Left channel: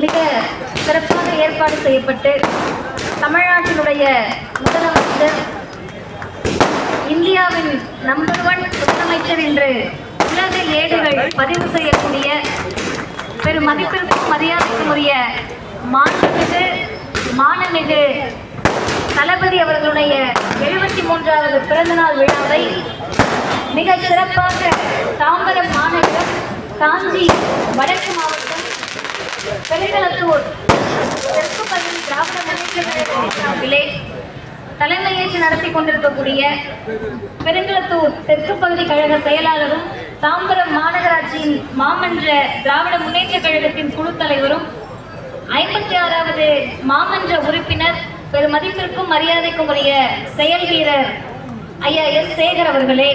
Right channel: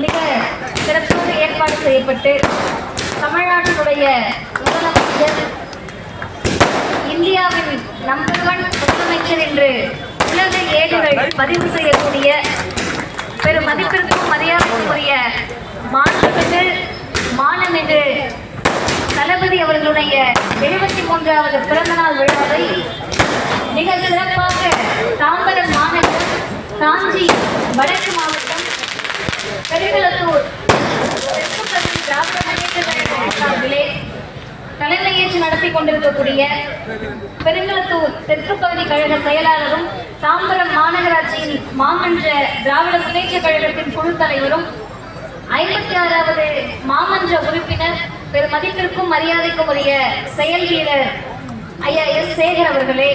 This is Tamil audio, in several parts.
மிக சிறப்பாக ஏற்பாடு செய்யப்பட்டு தமிழ்நாட்டினுடைய முதலமைச்சர் இந்தியாவின் நம்பர் 1 முதலமைச்சர் என்று உலக ஏடுகள் பதிவு செய்யக்கூடிய பெரும் மதிப்பிற்கும் மரியாதைக்குரிய மாண்புமிகு தளபதி அவர்களுடைய 73வது பிறந்தநாள் விழாவை மிக சிறப்பாக தாம்பரம் மாநகர், காஞ்சி வடக்கு மாவட்டம், பெருங்களத்தூர் தெற்கு பகுதி திராவிட முன்னேற்ற கழகத்தின் சார்பிலே தலைமையேற்று நடத்தி கொண்டிருக்கக்கூடிய பெருங்களத்தூர் தெற்கு பகுதி கழக செயலாளரும் தாம்பரம் மாநகராட்சியின் மாமன்ற திராவிட முன்னேற்ற கழகத்தின் குழு தலைவரும் 56வது மாமன்ற உறுப்பினர் பெருமதிப்பிற்கும் மரியாதைக்கும் உரிய செயல் வீரர் ஐயா எஸ் சேகர் அவர்களே,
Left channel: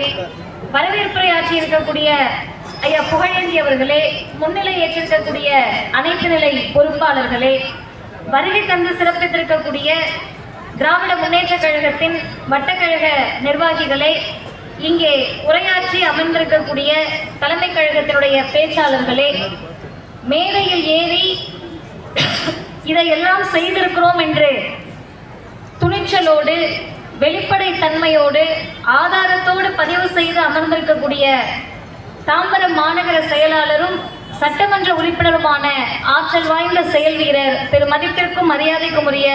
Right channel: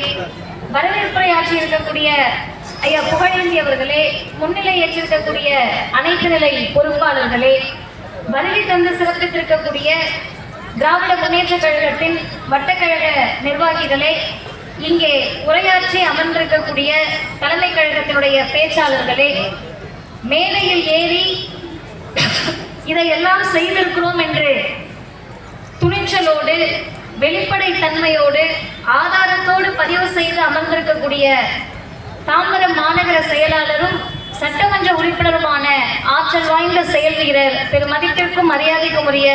வரவேற்புரை ஆற்றி இருக்கக்கூடிய ஐயா புகழேந்தி அவர்களே, முன்னிலை ஏற்றிருக்கக்கூடிய அனைத்து நிலை பொறுப்பாளர்களே, வருகை தந்து சிறப்பித்திருக்கக்கூடிய திராவிட முன்னேற்ற கழகத்தின் வட்டக்கழக நிர்வாகிகளே, இங்கே உரையாற்றி அமர்ந்திருக்கக்கூடிய தலைமை கழகத்தினுடைய பேச்சாளர்களே, மேடையில் ஏறி இதையெல்லாம் செய்திருக்கிறோம் என்று துணிச்சலோடு வெளிப்படை தன்மையோடு ஆதாரத்தோடு பதிவு செய்து அமர்ந்திருக்கக்கூடிய தாம்பரம் மாநகர செயலாளரும் சட்டமன்ற உறுப்பினருமான ஆற்றல் வாய்ந்த செயல் வீரர் பெருமதிப்பிற்கும் மரியாதைக்கும் உரிய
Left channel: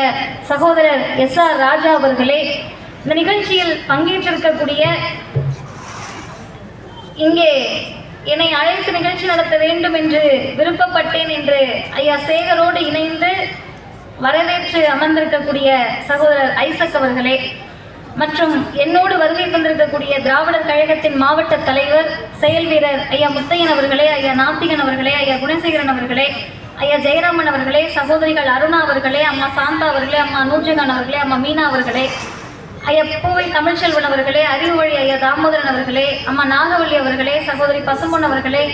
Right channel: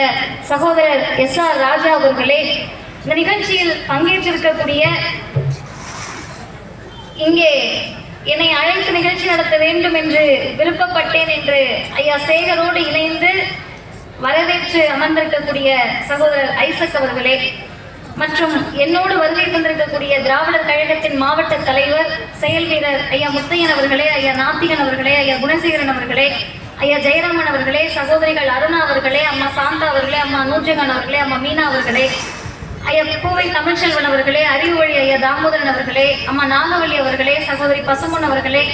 சகோதரர் SR ராஜா அவர்களே, இந்த நிகழ்ச்சியில் பங்கேற்றிருக்கக்கூடிய இங்கே என்னை அழைத்து நிகழ்ச்சி நடத்த வேண்டும் என்று விருப்பப்பட்டேன் என்று ஐயா சேகரோடு இணைந்து வரவேற்று அமர்ந்திருக்கக்கூடிய சகோதரர் ஐசக் அவர்களே, மற்றும் என்னோடு வருகை கொண்டிருக்கக்கூடிய திராவிடர் கழகத்தின் மாவட்ட தலைவர் செயல் வீரர் ஐயா முத்தையன் அவர்களே, ஐயா நாத்திகன் அவர்களே, ஐயா குணசேகரன் அவர்களே, ஐயா ஜெயராமன் அவர்களே, சகோதரிகள் அருணா அவர்களே, அம்மா சாந்தா அவர்களே, அம்மா நூர்ஜகான் அவர்களே, அம்மா மீனா அவர்களே, ஐயா பூவை தமிழ்ச்செல்வன் அவர்களே, அறிவுவழி ஐயா தாமோதரன் அவர்களே, அம்மா நாகவள்ளி அவர்களே, சகோதரி பசுமன் அவர்களே,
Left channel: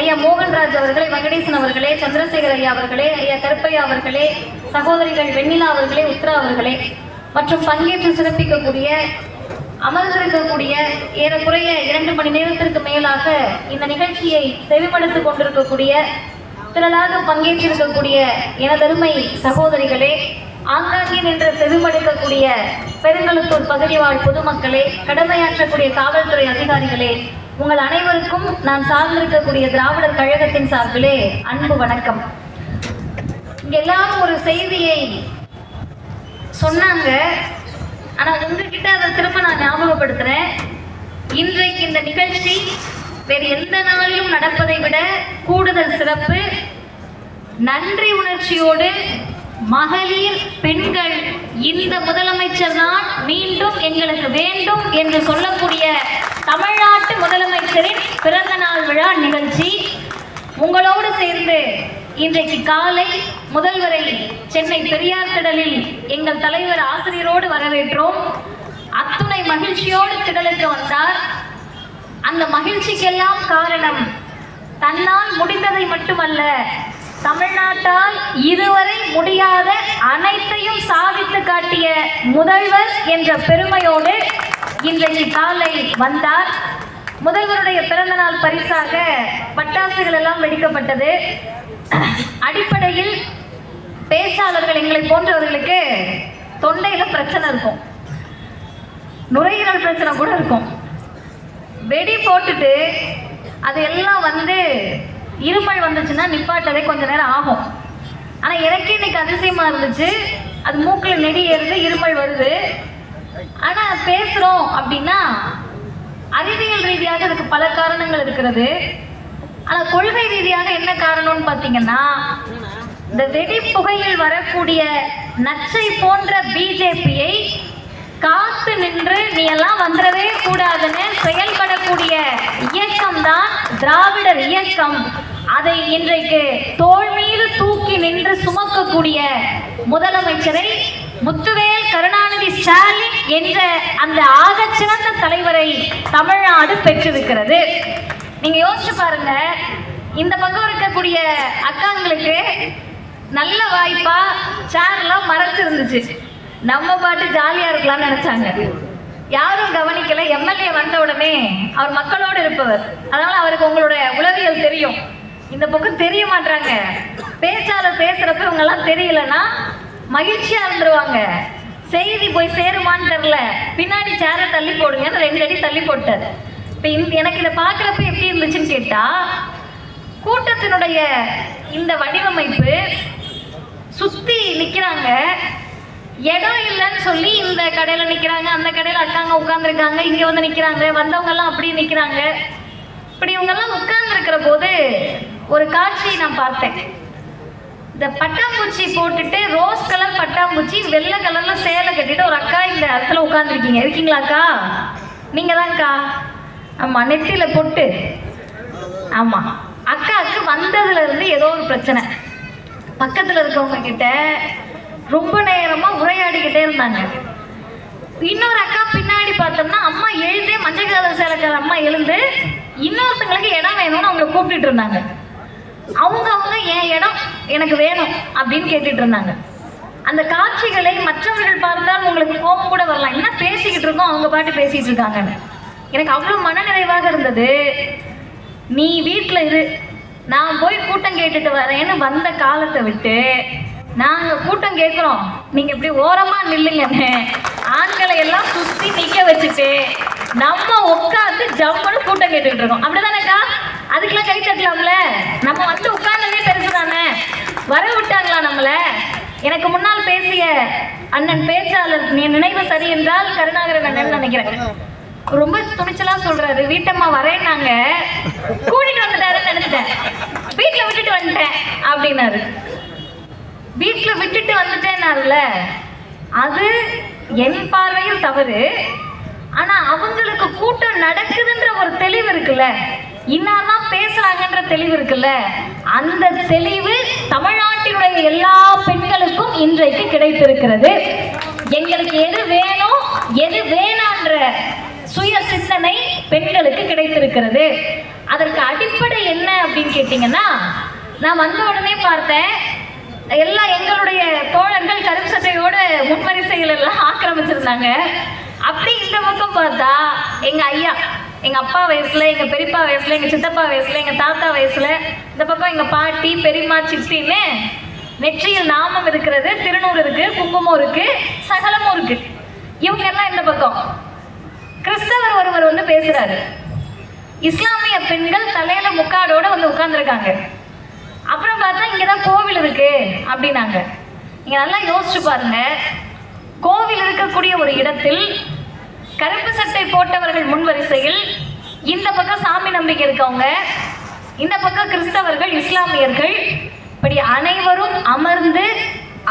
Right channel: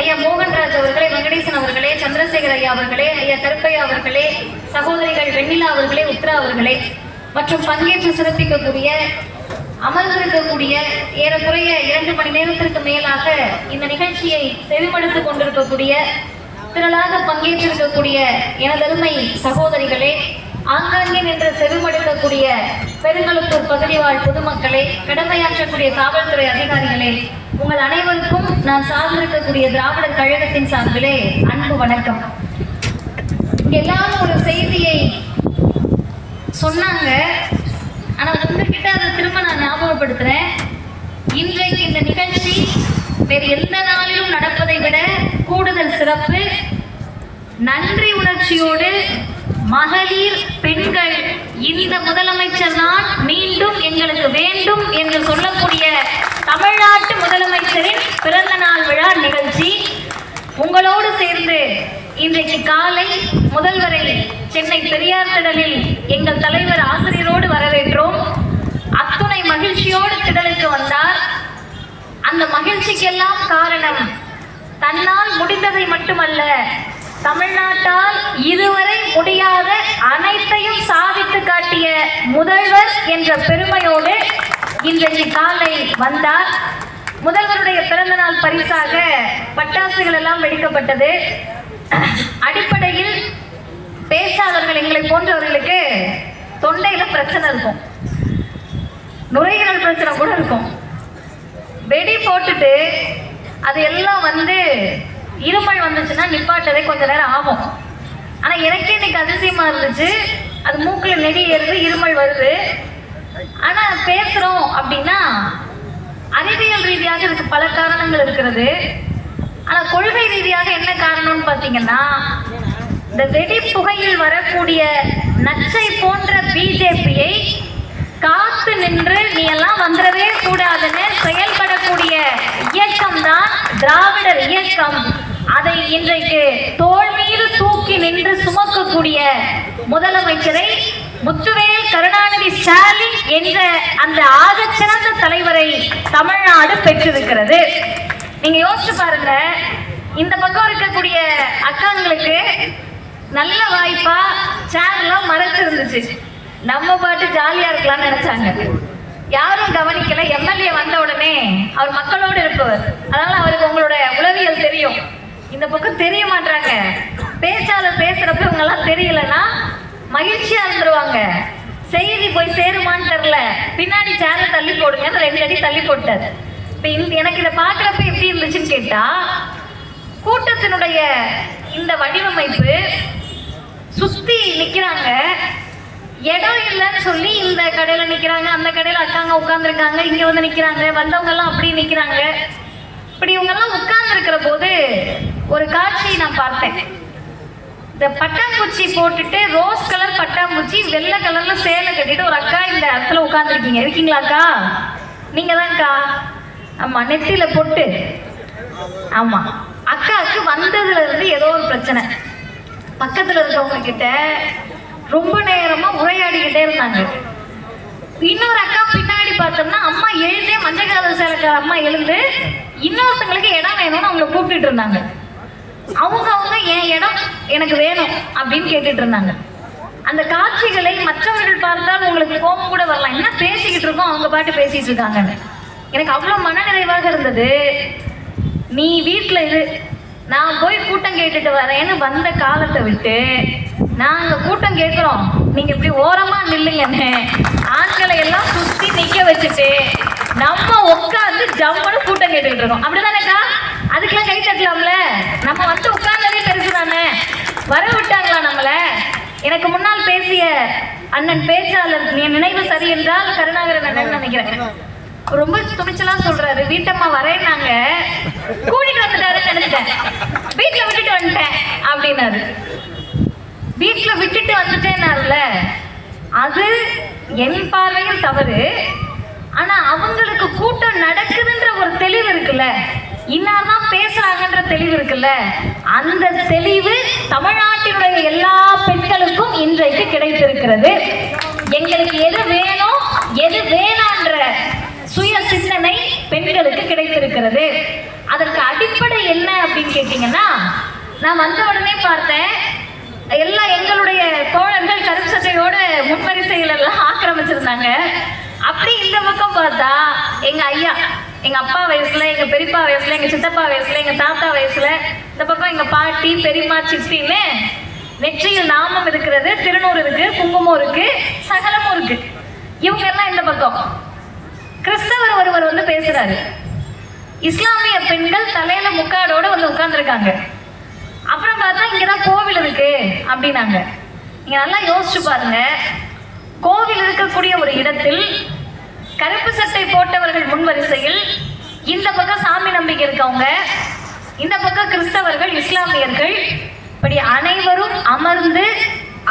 ஐயா மோகன்ராஜ் அவர்களே, வெங்கடேசன் அவர்களே, சந்திரசேகர் ஐயா அவர்களே, ஐயா கருப்பையா அவர்களே, சகோதரிகள் வெண்ணிலா அவர்களே, உத்ரா அவர்களே, மற்றும் பங்கேற்று சிறப்பிக்கக்கூடிய அமர்ந்திருக்கக்கூடிய ஏறக்குறைய 2 மணி நேரத்திற்கு மேலாக இந்த நிகழ்ச்சியை செவிமடுத்துக் கொண்டிருக்கக்கூடிய திரளாக பங்கேற்றிருக்கக்கூடிய எனதருமை சகோதரிகளே, ஆங்காங்கே நின்று செவிமடுக்கக்கூடிய பெருங்களத்தூர் பகுதி வாழ் பொதுமக்களே, கடமையாற்றக்கூடிய காவல்துறை அதிகாரிகளே, உங்கள் அனைவருக்கும் நான் சார்ந்திருக்கக்கூடிய திராவிடர் கழகத்தின் சார்பிலே அன்பு வணக்கம். எல்லாரும் ஒரு செய்தியை சொன்னாங்க, ஆனா உங்ககிட்ட அதை திரும்ப நான் ஞாபகப்படுத்துறேன். இன்றைக்கு இந்த நிகழ்ச்சி வேறு எந்த நாளிலும் நடப்பதை விட கூடுதல் சிறப்பு. நன்றி உணர்ச்சியோடு மகளிர், பெண்கள், இந்த முதலமைச்சர் தான் மீண்டும் எங்களுக்கு வேண்டும் என்று சொல்லக்கூடிய தமிழ்நாட்டு முதலமைச்சரின் பிறந்த நாள் விழா நிகழ்ச்சி உங்களோடு சேர்ந்து இன்றைக்கு காலை முதல்வரை சென்னை பெரியார் திடலில் எங்கள் தலைவர் ஆசிரியரோடு வரவேற்றோம். அத்துணை மகிழ்ச்சியோடு திடலுக்கு வந்தார். அந்த மகிழ்ச்சிக்கெல்லாம் காரணம் தன்னால் முடிந்ததை மட்டுமல்ல, தமிழ்நாட்டால் இதுவரை முடியாத அனைத்தையும் சாதித்து காட்டிய முதல்வர் என்ற பெருமையோடு இன்றைக்கு காலை வந்தார். முதல்வருடைய பிறந்த நாள் பரிசாக பட்டாசுகள் எல்லாம் வெடிக்கப்பட்டது. அடிப்படையில் பேச்சாளர்கள் எங்களை போன்றவர்களுக்கு தொண்டையில பிரச்சனை இருக்கும், நுரையீரல் பிரச்சனை கூட இருக்கும். வெடி போட்டுட்டு அது எல்லாம் இருமல் வந்துச்சுன்னா நிப்பாட்டதே கொஞ்ச நேரம் ஆகும். ஆனா எனக்கே இன்னைக்கு அதிசயமா இருந்துச்சு, அது மூக்கில் நெடி ஏறுது, இருமல் வருது. ஆனா பேசுறோம் அப்படின்னா அறிவியல் ரீதியாக இதுக்கு பல காரணங்கள் இருக்கிறது. ஆனா கொள்கை ரீதியாக என்ன காரணம்னு பாத்தீங்கன்னா, இந்த வெடி புகையில் வரக்கூடிய நச்சை போன்ற பிஜேபியை காத்து நின்று நீ எல்லாம் வந்துடவே கூடாதுன்னு செயல்படக்கூடிய இயக்கம் தான் திராவிடர் இயக்கம். அதை இன்றைக்கு தோள் மீது தூக்கி நின்று சுமக்கக்கூடிய முதலமைச்சரை முத்துவேல் கருணாநிதி ஸ்டாலின் என்ற அந்த ஆகச்சிறந்த தலைவரை தமிழ்நாடு பெற்றிருக்கிறது. நீங்க யோசிச்சு பாருங்க, இந்த பக்கம் இருக்கக்கூடிய அக்காங்களுக்கு நல்ல வாய்ப்பா சேர்லாம் மறைச்சு இருந்துச்சு. நம்ம பாட்டு ஜாலியா இருக்கலாம்னு நினைச்சாங்க, யாரும் கவனிக்கல. எம்எல்ஏ வந்த உடனே அவர் மக்களோடு இருப்பவர், அதனால அவருக்கு உங்களோட உளவியல் தெரியும். இந்த பக்கம் தெரிய மாட்டாங்க, பேச்ச அவங்க எல்லாம் தெரியலன்னா மகிழ்ச்சியா இருந்துருவாங்க. செய்தி போய் சேருமான்னு தெரியல, பின்னாடி சேரை தள்ளி போடுங்க, 2 அடி தள்ளி போட்டாரு. இப்ப எனக்கு இதை பாக்குறப்ப எப்படி இருந்துச்சுன்னு கேட்டா, கூட்டத்தினுடைய இந்த வடிவமைப்பு சுத்தி நிக்கிறாங்க, இடம் இல்லைன்னு சொல்லி இந்த கடையில நிக்கிறாங்க, அந்த கடையில அக்காங்க உட்கார்ந்துருக்காங்க, இங்க வந்து நிக்கிறாங்க, வந்தவங்க எல்லாம் அப்படியே நிக்கிறாங்க. இப்படி இவங்க எல்லாம் உட்கார்ந்து இருக்கிற போது ஒரு காட்சியை நான் பார்த்தேன். இந்த பட்டாம்பூச்சி போட்டுட்டு ரோஸ் கலர் பட்டாம்பூச்சி வெள்ளை கலர்ல சேலை கட்டிட்டு ஒரு அக்கா இந்த இடத்துல உட்கார்ந்துருக்கீங்க. இருக்கீங்களாக்கா? நீங்க தான்க்கா. ஆமா, நெத்தியில பொட்டு. ஆமா, அக்காவுக்கு வந்ததுல இருந்து ஏதோ ஒரு பிரச்சனை. பக்கத்துல இருக்கவங்க கிட்ட ரொம்ப நேரமா உரையாடிக்கிட்டே இருந்தாங்க. இன்னொரு அக்கா பின்னாடி பார்த்தோம்னா அம்மா எழுந்தே மஞ்சள் கலர் சேலைக்கார அம்மா எழுந்து இன்னொருத்தங்களுக்கு இடம் வேணும்னு அவங்க கூப்பிட்டு இருந்தாங்க. அவங்க என் இடம் எனக்கு வேணும் அப்படின்னு கேட்டுட்டு இருந்தாங்க. அந்த காட்சிகளை மற்றவர்கள் பார்த்தால் உங்களுக்கு கோபம் கூட வரலாம், என்ன பேசிக்கிட்டு இருக்கோம், அவங்க பாட்டு பேசிட்டு இருக்காங்க. எனக்கு அவ்வளவு மனநிறைவாக இருந்தது. நீ வீட்டுல இரு, நான் போய் கூட்டம் கேட்டுட்டு வரேன்னு வந்த காலத்தை விட்டு நாங்க கூட்டம் கேட்கிறோம், நீங்க இப்படி ஓரமா நில்லுங்கன்னு ஆண்களை எல்லாம் சுத்தி நிக்க வச்சுட்டு நம்ம உட்காந்து ஜம்மனு கூட்டம் கேட்டுட்டு இருக்கோம். அப்படிதானேக்கா? அதுக்கெல்லாம் கை தட்டலாம்ல. நம்ம வந்து உட்கார்ந்ததே பெருசு தானே, வர விட்டாங்களா நம்மள? எனக்கு முன்னால் பேசிய அண்ணன் பேச்சாளர், நீ நினைவு சரி என்றால் கருணாகரன் அண்ணன் நினைக்கிறேன், ரொம்ப துணிச்சலா சொல்றாரு, வீட்டம்மா வரேன்னாங்க, கூட்டிட்டு வந்துட்டாருன்னு நினைச்சேன், வீட்டுல விட்டுட்டு வந்துட்டேன் அப்படின்னாரு. வீட்டுல விட்டுட்டு வந்துட்டேன்னாருல, அது என் பார்வையில் தவறு. ஆனா அவங்களுக்கு கூட்டம் நடக்குதுன்ற ஒரு தெளிவு இருக்குல்ல, இன்னதான் பேசுறாங்கன்ற தெளிவு இருக்குல்ல, அந்த தெளிவு தமிழ்நாட்டினுடைய எல்லா பெண்களுக்கும் இன்றைக்கு கிடைத்திருக்கிறது. எங்களுக்கு எது வேணும் எது வேணான்ற சுய சிந்தனை பெண்களுக்கு கிடைத்திருக்கிறது. அதற்கு அடிப்படை என்ன அப்படின்னு கேட்டீங்கன்னா, நான் வந்த உடனே பார்த்தேன், எல்லாம் எங்களுடைய தோழர்கள் கருப்பு சட்டையோட முன்வரிசைகள் எல்லாம் ஆக்கிரமிச்சிருந்தாங்க. அப்படி இந்த பக்கம் பார்த்தா எங்க ஐயா, எங்க அப்பா வயசுல, எங்க பெரியப்பா வயசுல, எங்க சித்தப்பா வயசுல, எங்க தாத்தா வயசுல, இந்த பக்கம் எங்க பாட்டி, பெரியம்மா, சித்தின்னு நெற்றியில் நாமம் இருக்கிறது, திருநூறு இருக்கு, குங்குமம் இருக்கு, சகலமும் இருக்கு. இவங்க எல்லாம் இந்த பக்கம். கிறிஸ்தவர் ஒருவர் வந்து பேசுறாரு, இஸ்லாமிய பெண்கள் தலையில முக்காடோட வந்து உட்கார்ந்துருக்காங்க. அப்புறம் பார்த்தா இங்கதான் கோவில் இருக்கு அப்படின்னாங்க. நீங்க நல்லா யோசிச்சு பாருங்க, கோவில் இருக்கக்கூடிய ஒரு இடத்தில் கருப்பு சட்டை போட்டவர்கள் முன்வரிசையில், இந்த பக்கம் சாமி நம்பிக்கை இருக்கவங்க, இந்த பக்கம் கிறிஸ்தவர்கள், இஸ்லாமியர்கள், இப்படி அனைவரும் அமர்ந்து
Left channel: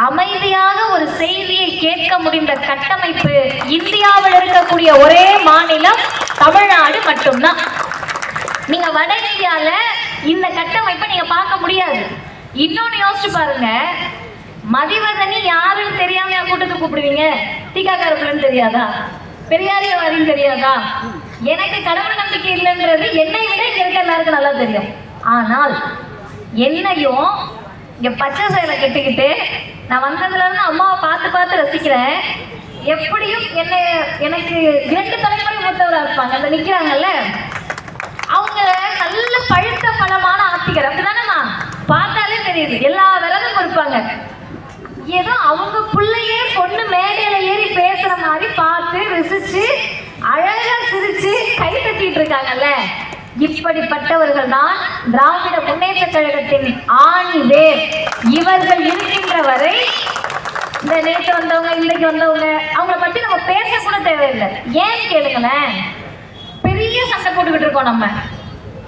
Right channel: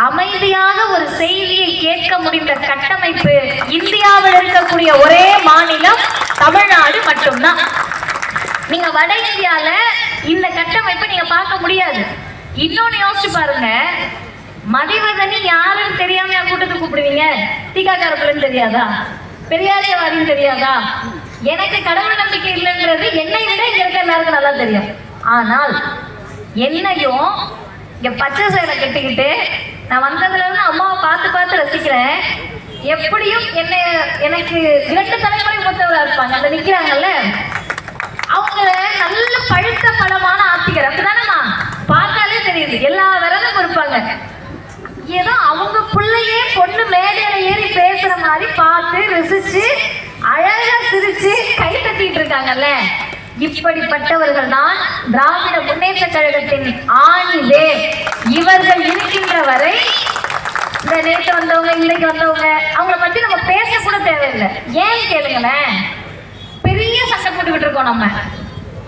அமைதியாக ஒரு செய்தியை கேட்க முடிந்த கட்டமைப்பு இந்தியாவில் இருக்கக்கூடிய ஒரே மாநிலம் தமிழ்நாடு மட்டும்தான். நீங்க வட இந்தியால இந்த கட்டமைப்பை நீங்க பார்க்க முடியாது. இன்னொன்னு யோசிச்சு பாருங்க, மதிவதனி யாருன்னு தெரியாம கூட்டத்துக்கு கூப்பிடுவீங்க? தீகாக்காரப்புலன்னு தெரியாதா? பெரியாரியவாதின்னு தெரியாதா? எனக்கு கடவுள் நம்பிக்கை இல்லைன்றது என்னை விட இங்க இருக்க எல்லாருக்கும் நல்லா தெரியும். ஆனால் என்னையும் இங்க பச்சை சேலை கட்டிக்கிட்டு நான் வந்ததுல இருந்து அம்மாவை பார்த்து பார்த்து ரசிக்கிறேன். எப்படியும் எனக்கு 2 தலைமுறை மூத்தவராக இருப்பாங்க, அந்த நிக்கிறாங்கல்ல, அவங்கள நல்ல பழுத்த பழமான ஆத்திகர், அப்படிதானம்மா? பார்த்தாலே தெரியுது, எல்லா விரதம் இருப்பாங்க. ஏதோ அவங்க பிள்ளையே பொண்ணு மேடையில ஏறி பேசுற மாதிரி பார்த்து ரசிச்சு அழகா சிரிச்சு கை தட்டிட்டு இருக்காங்கல்ல, இப்படிப்பட்டவர்கள் தான் திராவிட முன்னேற்ற கழகத்தின் ஆணிவே. இவர்கள் இருக்கின்ற வரை, இந்த நேற்று வந்தவங்க, இன்னைக்கு வந்தவங்க, அவங்கள பத்தி நம்ம பேச கூட தேவையில்லை. ஏன் கேளுங்களேன், பெரிய சண்டை போட்டுக்கிட்டு இருக்கோம் நம்ம,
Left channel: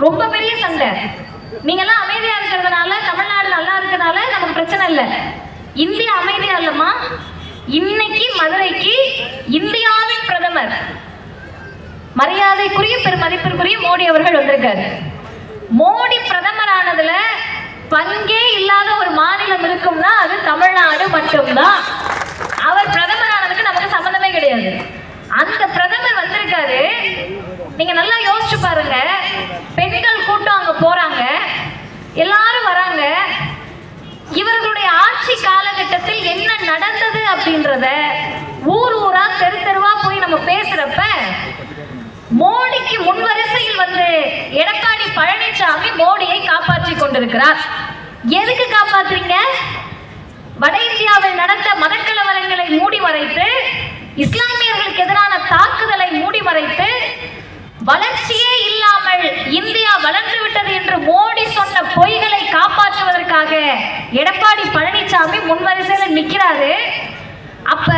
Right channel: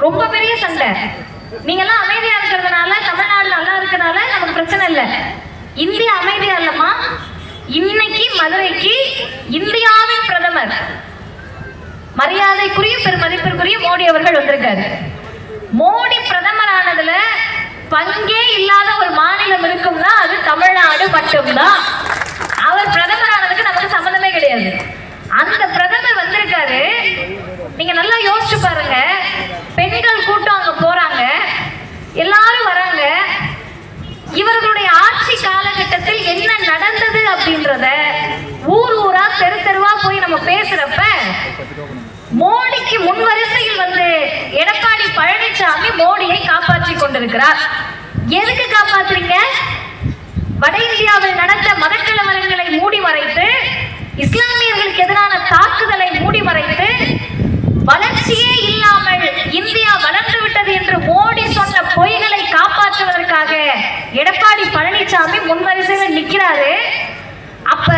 ரொம்ப பெரிய சண்டை. நீங்கெல்லாம் அமைதியா இருக்கிறதுனால, தமிழ்நாடு நல்லா இருக்கிறதுனால நமக்கு பிரச்சனை இல்லை. இந்தியா அமைதியா இல்லம்மா. இன்னைக்கு மதுரைக்கு இந்தியாவின் பிரதமர், மரியாதைக்குரிய பெருமதிப்பிற்குரிய மோடி அவர்கள் வந்திருக்காரு. மோடி பிரதமர் ஆனதுல பங்கே இல்லாத ஒரு மாநிலம் இருக்கும்னா அது தமிழ்நாடு மட்டும்தான். அவர் பிரதமர் ஆனதுக்கு நமக்கு சம்மந்தமே கிடையாது. அந்த பிரதமர் வந்திருக்காரு. நீங்க நல்லா யோசிச்சு பாருங்க, பெண்கள் கூட்டம் அங்க போறாங்க, எல்லாரும் வராங்க. இவர்களுடைய ஆட்சி காலகட்டத்தில் என்ன நடந்தது அப்படின்றத ஊர் ஊரா தெரு தெருவா போய் நம்ம பேசுறப்ப, மோடிக்கு முன்வரிசையில் வந்து எடப்பாடி பழனிசாமி மோடியை காப்பாற்றி கொண்டிருக்கிறார். எதுக்கு காப்பாத்துறீங்க? வட இந்தியாவில் நடந்த மதக்கலவரங்களை மூடி மறைத்து, இஸ்லாமியர்களுக்கு எதிரான தாக்குதலை மூடி மறைத்து, வளர்ச்சியே இல்லாமல் இந்தியா வளர்ந்து விட்டது என்று மோடி சொன்ன பொய்களை காப்பாற்றுவதற்காக எடப்பாடி பழனிசாமி முன்வரிசையில் நிற்கிறாரு. அப்ப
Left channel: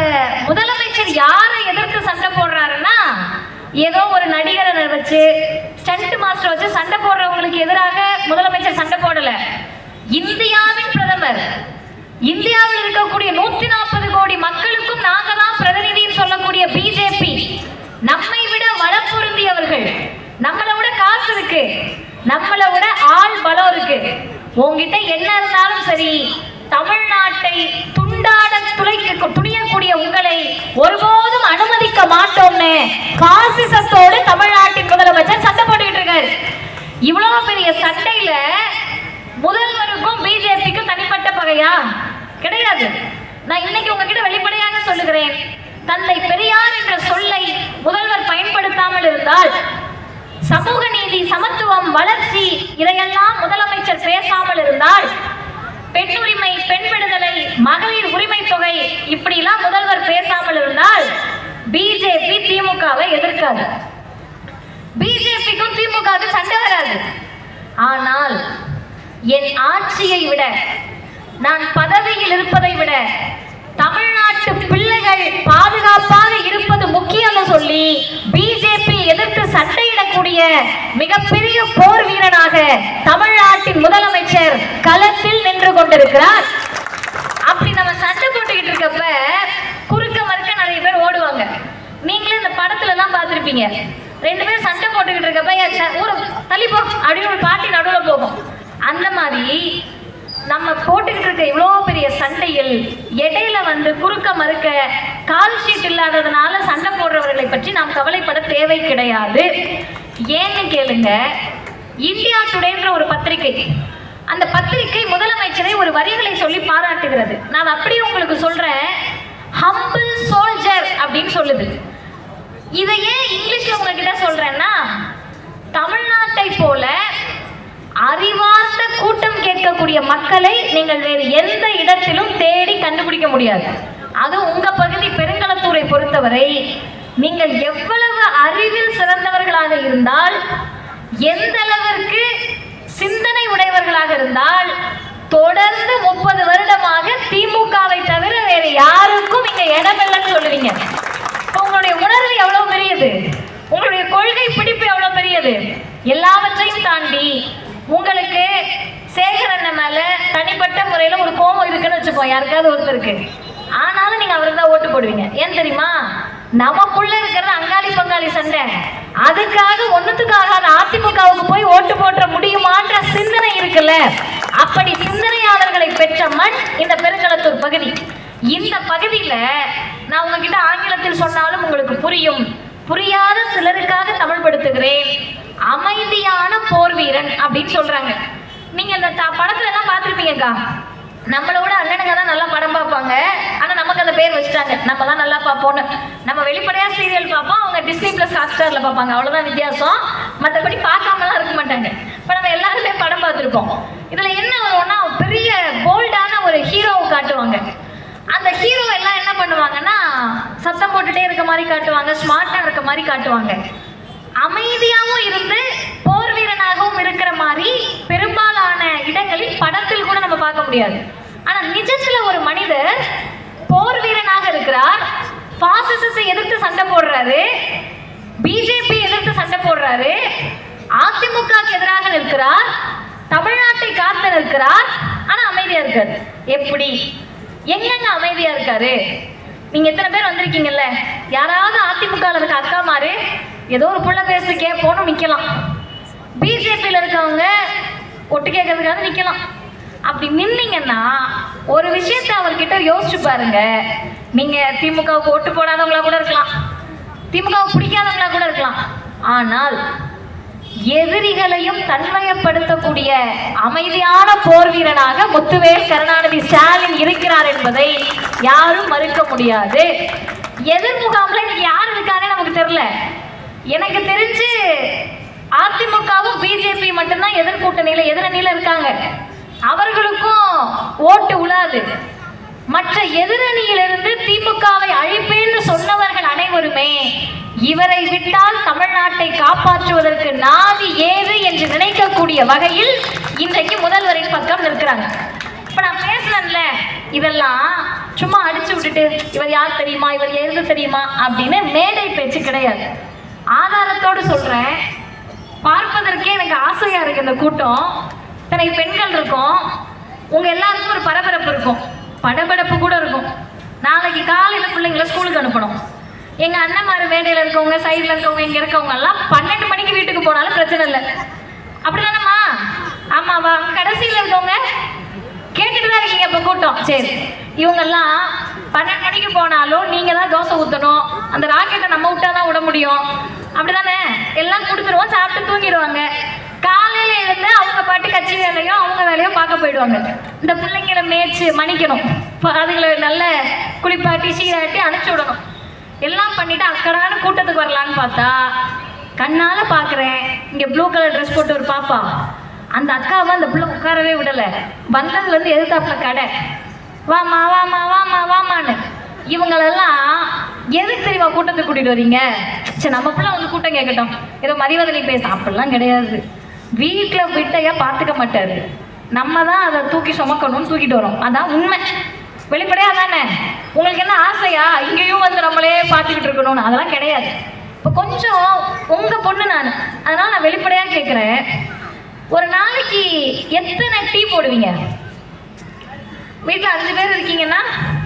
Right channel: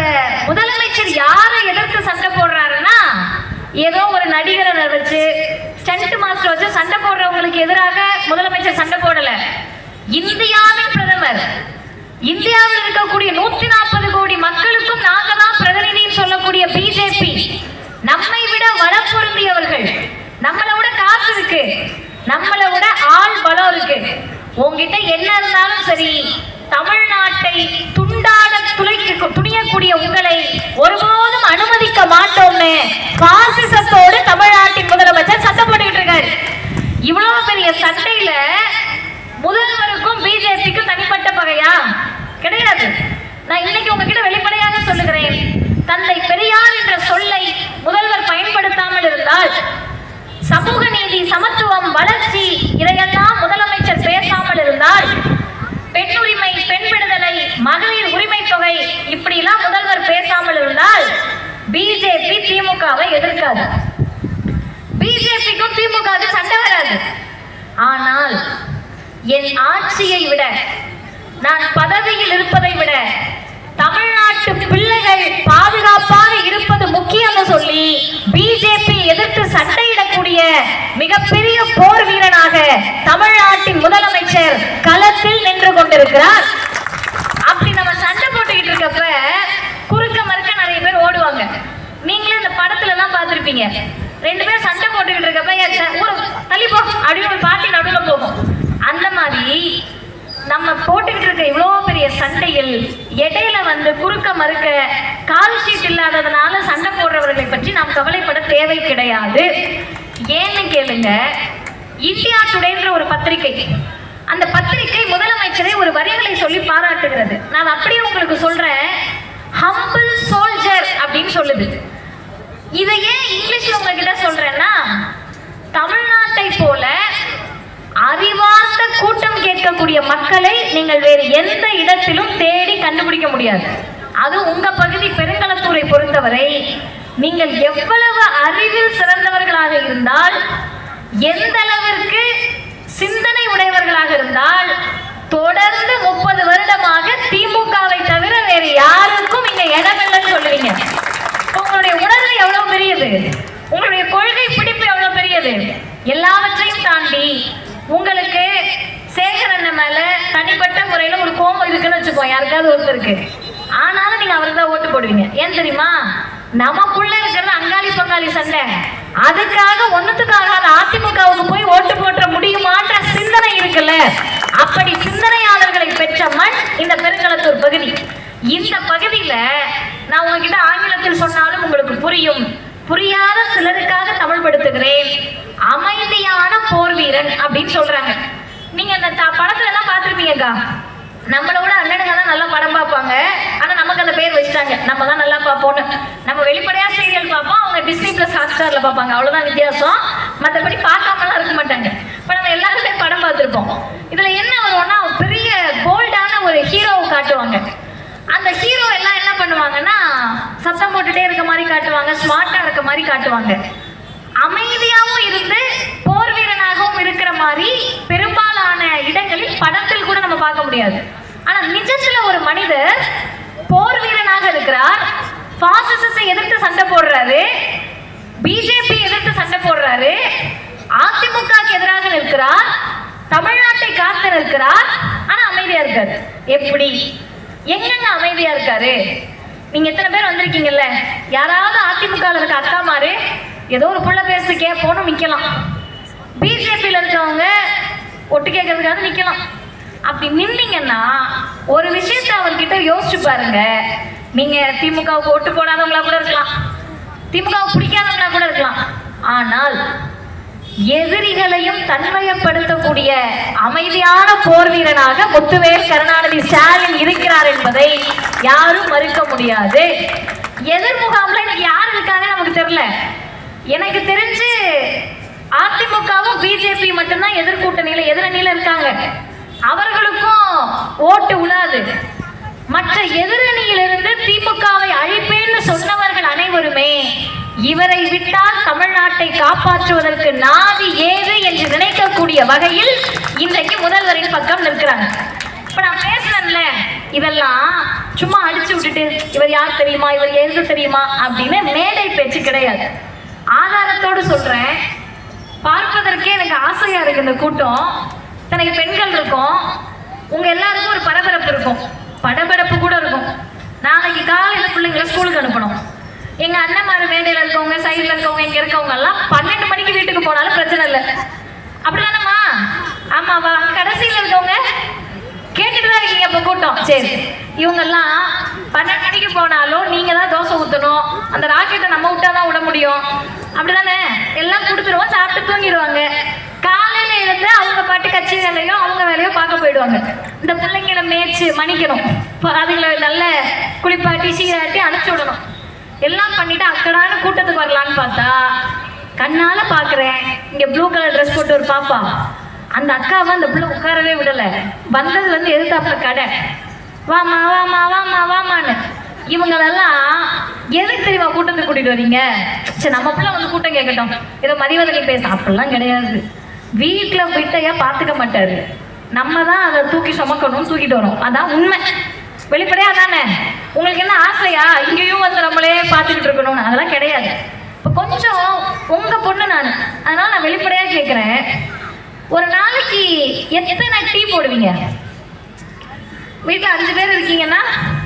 முதலமைச்சர் யாரை எதிர்த்து சண்டை போடுறாருன்னா, ஏதோ ஒரு நடிகரை வச்சு, ஸ்டண்ட் மாஸ்டர் வச்சு சண்டை போடுறவங்களுக்கு எதிராக முதலமைச்சர் சண்டை போடல. இந்தியாவின் பிரதமர், இந்தியாவில் இருக்கக்கூடிய 140 கோடி மக்களுக்கும் நாங்க தான் பிரதிநிதின்னு சொல்லக்கூடிய பிஜேபி, நம்மை விட வளம் பொருந்தியவர்கள், நம்மளை விட காசு இருக்கு, நம்மளை விட ஆள் பலம் இருக்கு. உங்ககிட்ட என்ன இருந்தாலும் சரி, தமிழ்நாட்டை துண்டாட துணியக்கூடிய உங்களை ஒருபோதும் அனுமதிக்க மாட்டோம்னு பாசிசத்தோடு தமிழ்நாட்டின் முதலமைச்சர் சண்டை போட்டுக்கிட்டு இருக்காரு. இவ்வளவு பெரிய சண்டையில முதல்வருக்கும் பிஜேபிக்கும் தனிப்பட்ட பகையா கிடையாது. நான் இன்னைக்கு உங்ககிட்ட வெளிப்படையாக சொல்லுகிறேன், தந்தை பெரியார் என்ற சொல்லை முதல்வர் பயன்படுத்தாமல் இருந்தால், சமூக நீதி, சமத்துவம், வளர்ச்சி இதையெல்லாம் முதலமைச்சர் பேசாமல் இருந்தால், பெண் உரிமை, பெண் விடுதலை, மகளிர் உரிமை தொகை இப்படி எல்லாம் முதல்வர் பேசாமல் இருந்தால் பிஜேபி திமுகவை எதிர்க்காது, பிஜேபிக்கும் திமுக சண்டை வராது. ஆனால் என் ஆட்சியை விட, நான் பதவியில் இருப்பதை விட தமிழ்நாட்டு பிள்ளைகள் பாதுகாப்பாக இருப்பது முக்கியம் சொல்லி பிஜேபி எதிர்த்து சண்டையிடக்கூடிய மிகப்பெரிய போர் வீரனாக தமிழ்நாட்டின் முதலமைச்சர் களத்தில் நின்று கொண்டிருக்கிறார். அப்படி நம்ம சண்டை போட்டுக்கிட்டு இருக்கப்ப குறுக்க மறுக்க நிறைய பேர் ஓடுவாங்க. நீங்களே இந்த படத்துல எல்லாம் பார்த்திருப்பீங்க, 2 பேர் சண்டை போட்டுக்கிட்டு இருக்கப்ப ஒரு தள்ளிப்போ அப்படின்னு ஒரு பாட்டி நடுவில் போகும். அந்த மாதிரி நம்ம போட்டுக்கிட்டு இருக்க இவ்வளோ பெரிய சண்டையில் இடையில வந்து குறுக்க மறுக்க கால் ஷீட் இல்லாததுனால சண்டை போடுறவர்களை பற்றி நாம் கவலைப்பட தேவை கிடையாது. ஏன்னு கேளுங்க, இந்தியா டுடேன்ற ஒரு பத்திரிகை, அந்த பத்திரிகை முதலமைச்சரை ஒரு வரிகளை சொல்லி பாராட்டுகிறது. நான் அப்படியே உங்களுக்கு சொல்றேன், ஹம்பிள் சோல்ஜர் அப்படின்னு சொல்லுது. இதை ஏன் இங்கிலீஷ்ல உங்ககிட்ட சொல்றேன்னா, தமிழ்நாட்டை போல அறிவார்ந்த கூட்டம் கேட்கக்கூடிய மக்களை நீங்கள் வேறு எந்த இடத்திலும் தேடி கண்டுபிடிக்க முடியாது. அது உங்க பகுதி பெருங்களத்தூரை பொறுத்தவரை நீங்கள் எவ்வளவு அறிவில் சிறந்தவர்களாக இருந்தால், எந்த அளவிற்கு சிந்தனை உடையவர்களாக இருந்தால், தொடர்ந்து 30 வருடமாக திமுகவை தவிர வேறு யாருக்கும் இங்க இடமில்லைன்னு சொல்லுவீங்க. உங்களுடைய உணர்வு எவ்வளவு பெரியது, உங்களுடைய கொள்கை பிடிப்பு எவ்வளவு பெரியது. எல்லாவற்றையும் தாண்டி உங்களுக்கு சேகர் அண்ணன் மேல தனிப்பட்ட முறையில ஒரு கோபம் இருக்குன்னு வச்சுக்கோ, யாருக்காவது ஒருத்தருக்கு, ஆனாலும் நீங்க அவருக்கு தான் ஓட்டு போடுவீங்க. ஏன் தெரியுமா? நமக்குள்ள இருக்கிறது அங்காளி பங்காளி சண்டை. அதுக்காக ஒண்ணுத்துக்காக அதிமுகவுக்கு போய் ஓட்டு போட்ட முடியுமான்ற சிந்தனை இருக்குல்ல, அப்படி சிந்தனையாளர்களை பெற்ற மண் இந்த பெருங்களத்தூர் பகுதி. இந்த பகுதியில நான் உங்ககிட்ட ஆங்கிலத்தில் சொன்னாலும் உங்களுக்கு புரியும், புரியாத சிலருக்காக தமிழ் படுத்துகிறேன். அமைதியான போர் வீரன் அப்படின்னு சொல்றாங்க. நீங்க இந்த படத்துல எல்லாம் பார்த்திருப்பீங்கக்கா, நம்மளோட அண்ணனுங்க தான் நல்லா படம் பார்ப்பாங்க, ஆனா நமக்கு அந்த பேர் வச்சுட்டாங்க, நம்ம தான் நல்லா பார்ப்போம். நம்ம வெளிப்படையா சீரியல் பார்ப்போம், அவங்க டிஸ்னி பிளஸ் ஹாட்ஸ்டார்ல பார்ப்பாங்க, அவ்வளவுதான் வித்தியாசம். மற்றபடி பார்க்காமலாம் இருக்க மாட்டாங்க. இப்ப நம்ம எல்லாருமே படம் பார்த்திருப்போம். இதுல என்ன வரும்னா, பெரிய போல்டான ஒரு ஹீரோவை காட்டுவாங்க. அந்த ஹீரோ எல்லாம் என்ன பண்ணுவாங்கன்னா, சத்தம் போட்டுட்டே இருக்க மாதிரி காட்டுவாங்க, ஸ்மார்ட்டா இருக்க மாதிரி காட்டுவாங்க. அமைதியாகவும் இருந்து போர் வீரனாகவும் இருக்கிற மாதிரி பெரும்பாலான இடங்களில் படத்தில் கூட நம்ம பார்க்க முடியாது. ஆனா நிஜத்துல ஒரு மனிதர் போர் வீரனாக இருக்கிறார், பாசிசத்தை எதிர்த்து சண்டை போடுறாரு, பிஜேபி எதிர்த்து சண்டை போடுறாரு, அதிமுகக்கு எதிராக நிற்கிறார், தமிழ்நாட்டை காத்து நிற்கிறார், ஆனா அமைதியா இருக்காரு. எப்படி, எங்கெங்க அமைதியா இருக்காரு? நீங்க எத்தனை பேர் வந்திருக்கீங்கல்ல, யாராவது அதிமுக இருக்க அக்கா மாறு ஏதோ ஒரு புள்ள பேசி கேட்போன்னு நிக்கலாம், பிஜேபியில இருக்கவங்க ஒட்டு கேட்கறதுக்காக நிக்கலாம். அப்படி நின்னீங்கன்னா ஒரு விஷயத்த அவர்கிட்ட யோசிச்சு பாருங்க. நீங்க திமுகவுக்கு ஓட்டு போடாதவங்களா கூட இருக்கலாம், திமுகவுக்கு பிடிக்காதவங்களா கூட இருக்கலாம், ஆனால் எதிரிகளையும் தன்மையப்படுத்தக்கூடிய அமைதியான போர் வீரனாக முத்துவேல் கருணாநிதி ஸ்டாலின் இருக்கிறார் என்பதை யாரும் மறுக்க முடியாது. எதிர்முகாம்ல யார் இருக்காங்க நமக்கு தெரியல. எனக்கு தெரிஞ்சு அதிமுகவும் பிஜேபி மட்டும்தான் எதிர்கூட்டணியில எதிரணியில இருக்காங்க. அவர்களுக்கும் ஓட்டு உழாது. மற்ற எதிரணியிலிருந்து திமுகவை அழிப்பேன்னு சொன்னவர்கள் அனைவருமே இவரை விட்டால் தமிழ்நாட்டை காப்பாற்றுவதற்கு நாதி ஏது என்று நினைக்கக்கூடிய வகையில் இன்றைக்கு முதல்வரின் பக்கம் நிற்கிறாங்க. இப்ப நான் பேசுறேன்ல, இதெல்லாம் சும்மா அடிச்சு விட்டுட்டு இவர் யார் தெரியுமா, இவர் எழுத தெரியுமா அப்படின்னு மேடை பேச்சு கிடையாது. ஆதாரத்தோடு சொல்றேன். பார்ப்பதற்கே எனக்கு ஆசையா இருக்கு. இந்த கூட்டம் இத்தனை பெண்கள் இருக்கும், உங்க எல்லாருக்கும் ஒரு பரபரப்பு இருக்கும், படபடப்பு கூட இருக்கும். நாளைக்கு காலையில பிள்ளைங்களை ஸ்கூலுக்கு அனுப்பணும். எங்க அண்ணன்மாரு வேலையில இருக்கவங்க, சைட்ல இருக்கவங்க, இங்க இருக்கவங்க எல்லாம் 12 மணிக்கு வீட்டுக்கு போனாலும் பிரச்சனை இல்லை. அப்படிதானம்மா? ஆமாவா? கடைசியில் இருக்கவங்க கேட்டுட்டுதான் இருக்கீங்க. இப்ப கூட்டம் சரி, இவங்க எல்லாம் 12 மணிக்கு போனாலும் நீங்க தான் தோசை ஊத்தணும். அந்த ராக்கெட்டை நம்ம விட்டாதான் விட முடியும். அப்படிதானே? எல்லாம் கொடுத்துருவோம், சாப்பிட்டு தூங்கிடுவாங்க. காலையில எழுந்து அவங்க பாட்டு கட்சி வேலையோ அவங்க வேலையோ பார்க்க போயிடுவாங்க. இந்த பிள்ளைங்களை மேய்ச்சி மணிக்கணும், அதுகளை நல்ல குளிப்பாட்டி சீராட்டி அனுப்பிச்சு விடணும். எல்லாம் பண்ணிட்டு அக்கறான கூட்டத்துக்கு வரலான்னு பார்த்தா கண்ணால பாக்குறேன், இங்க ப்ளூ கலர் ட்ரெஸ் போட்டு ஒரு பாப்பா, அந்த அக்காவை அந்த பிள்ளை உட்காரவே விடல. வந்ததுல இருந்து எதிர்த்தாப்புல கடை, வாமா வாமா வாமா வாமான்னு. இவங்களெல்லாம் எதுக்கு தெரியுமா கூட்டத்துக்கு கூட்டிட்டு வரீங்க? சரி, நம்ம பிள்ளை வந்து கூட்டம் கேட்கட்டும், ஏதோ மதிவதனி பேச, அப்படிலாம் கிடையாது. வீட்டுல விட்டையா பாத்துக்க மாட்டாரு, நம்ம தான் அதை தூக்கி சுமக்கணும், தூக்கிட்டு வரும். அதான் உண்மை, வெளிப்படையா தானே. உங்களுக்கு என்ன ஆசையா இங்கேயும் வந்து நம்மளே பார்த்துக்கிட்டு இருக்கணும்னு? அதெல்லாம் கிடையாது. இப்போ கொஞ்சம் உங்க பொண்ணு நான், அதனால நான் வெளிப்படையா கேட்கிறேன், ஒரு நாளைக்கு எத்தனை டீ போடுவீங்க? வீட்டுல 5 பேர் இருக்கீங்கன்னா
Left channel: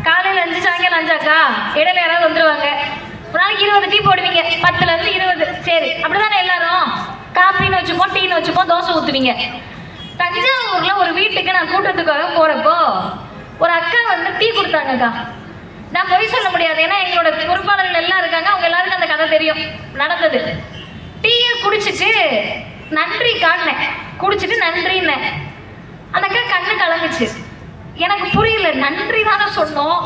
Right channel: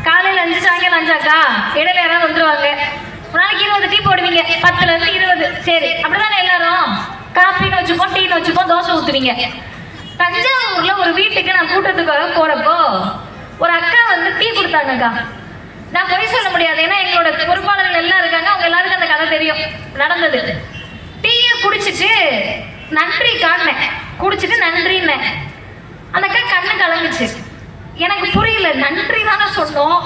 காலையில 5, சாயங்காலம் 5 அக்கா, இடையில யாராவது வந்துருவாங்க. ஒரு நாளைக்கு 20 டீ போடுவீங்க, 10ல இருந்து 20. சரி, அப்படிதானே? எல்லாரும் காப்பின்னு வச்சுப்போம், டீன்னு வச்சுப்போம், தோசை ஊத்துவீங்க. தஞ்சாவூர்ல ஒரு வீட்டுக்கு நான் கூட்டத்துக்காக போறப்போ ஒரு அக்கா வந்து டீ கொடுத்தாங்கக்கா. நான் பொய் சொல்ல முடியாது, ஏன்னா எங்களோட பொறுப்பாளர்கள் எல்லாம் இருக்காங்க, அவங்க எல்லாருக்கும் அந்த கதை தெரியும் நடந்தது. டீயை குடிச்சிட்டு நன்றி காட்டினேன், குடிச்சிட்டு நன்றின்னேன். அந்த அக்கா கண்ணு கலங்குச்சு. எனக்கு புரியல, நன்றி தானே சொன்னோம்,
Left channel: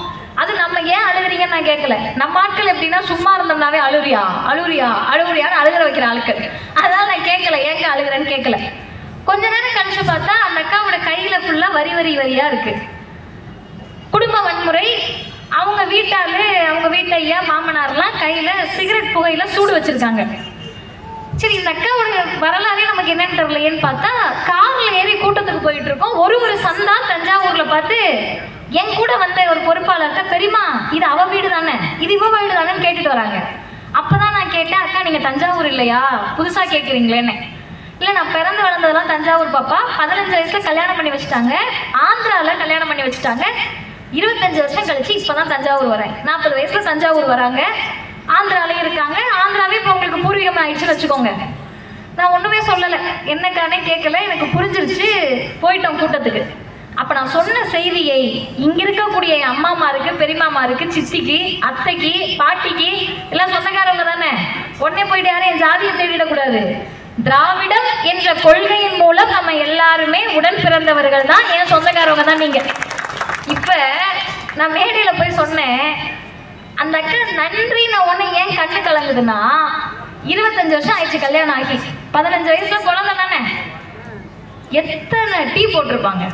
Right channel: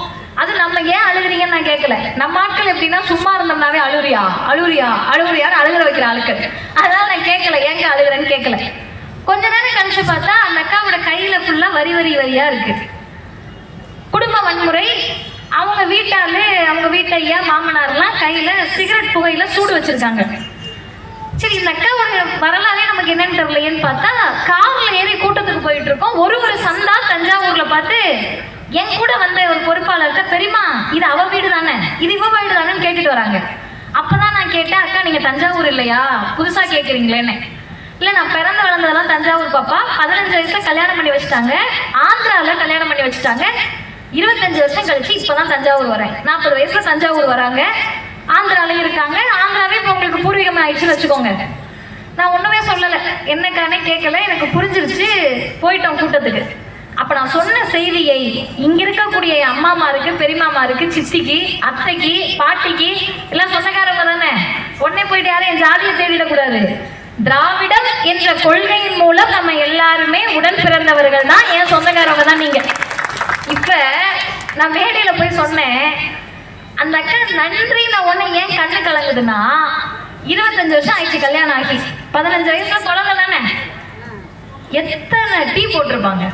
அது நம்ம ஏன் அழுகுறீங்கன்னு நான் கேட்கல. நம்ம ஆட்கள் எப்படின்னா சும்மா இருந்தோம்னாவே அழுகுறியா அழுகுறியா அழுகுறியான்னு அழுகுற வைக்கிற ஆளுக்கு. அதனால நான் கேட்கல, ஏங்க அழுகுறேன்னு கேட்கல. கொஞ்ச நேரம் கழிச்சு பார்த்தா அந்த அக்காவோட கையில ஃபுல்லா வரி வரியா இருக்கு. குடும்ப வன்முறை. அவங்க வீட்டாளு, அவங்க வீட்டு ஐயா மாமனார்லாம் கையில சிகரெட் புகையில சூடு வச்சிருக்காங்க. சரி, இந்த அக்காவோட வரலாறே நமக்கு என்னன்னு தெரியலையேன்னு பார்த்தா கார்ல ஏறி கூட்டத்துக்கு போயிட்டு இருக்கோம். ஒரு சந்தா தஞ்சாவூர்ல பார்த்து என் கூட வந்த ஒரு பொறுப்பாளர்கிட்ட, பெரியமா இது அவ வீடு தானே, இது இவ வீடு தானேன்னு கேட்டுட்டு வராங்க. அப்பதான் நான் கேட்டேன், அக்கா நீங்க தஞ்சாவூர் இல்லையா, புதுசா கேட்குறீங்களேன்னு. இல்லை, நான் பிறந்து வளர்ந்ததெல்லாம் தஞ்சாவூர் பாப்பா. 15 வயசுல கல்யாணம் பண்ணி வச்சுட்டாங்க, ஆந்திரால கல்யாணம் பண்ணி வச்சுட்டாங்க. 25 வருஷம் கழிச்சு இப்பதான் தஞ்சாவூர் வரேன். 40 வயசுல தஞ்சாவூர் வராங்க, ஆந்திராலே இருக்காங்க. ஆந்திராவே இப்போ உங்களுக்கு பூர்வீகம் ஆயிடுச்சுன்னு வச்சுக்கோங்க. நான் ஒண்ணுமே சொல்லலை, என்னக்கானே கேட்கல, எனக்கு புரிஞ்சிருச்சு. போயிட்டோம் கூட்டத்துக்கு. அப்ப நான் சொன்ன செய்தியை இங்க இருக்கக்கூடிய அம்மாமாருக்கு, பெரியமாமாருக்கு, சித்திக்கு, அத்தைக்கு, பாட்டிக்கு எல்லாம் சொந்தக்காரவங்க தானே. உடனே போயிட்டு யாரும் என் ஜாதியை தேடிடக்கூடாது. திராவிடம் என்ற கொள்கையின் மூலம் நம்ம எல்லாருமே உடன் பிறந்தவர்கள் தான், என் சொந்தக்காரவங்க தான் நீங்க. இப்ப நான் மேடையில போய் சொன்னேன், அந்த அக்கா நன்றி நான் ஒண்ணு ஏன் கண்ணு கலங்குதுன்னா, 25 வருஷம் ஆயிடுச்சு கல்யாணம் ஆகி, 15 வயசுல குழந்தை தானே. எத்தனை டீ போட்டிருப்பாங்க,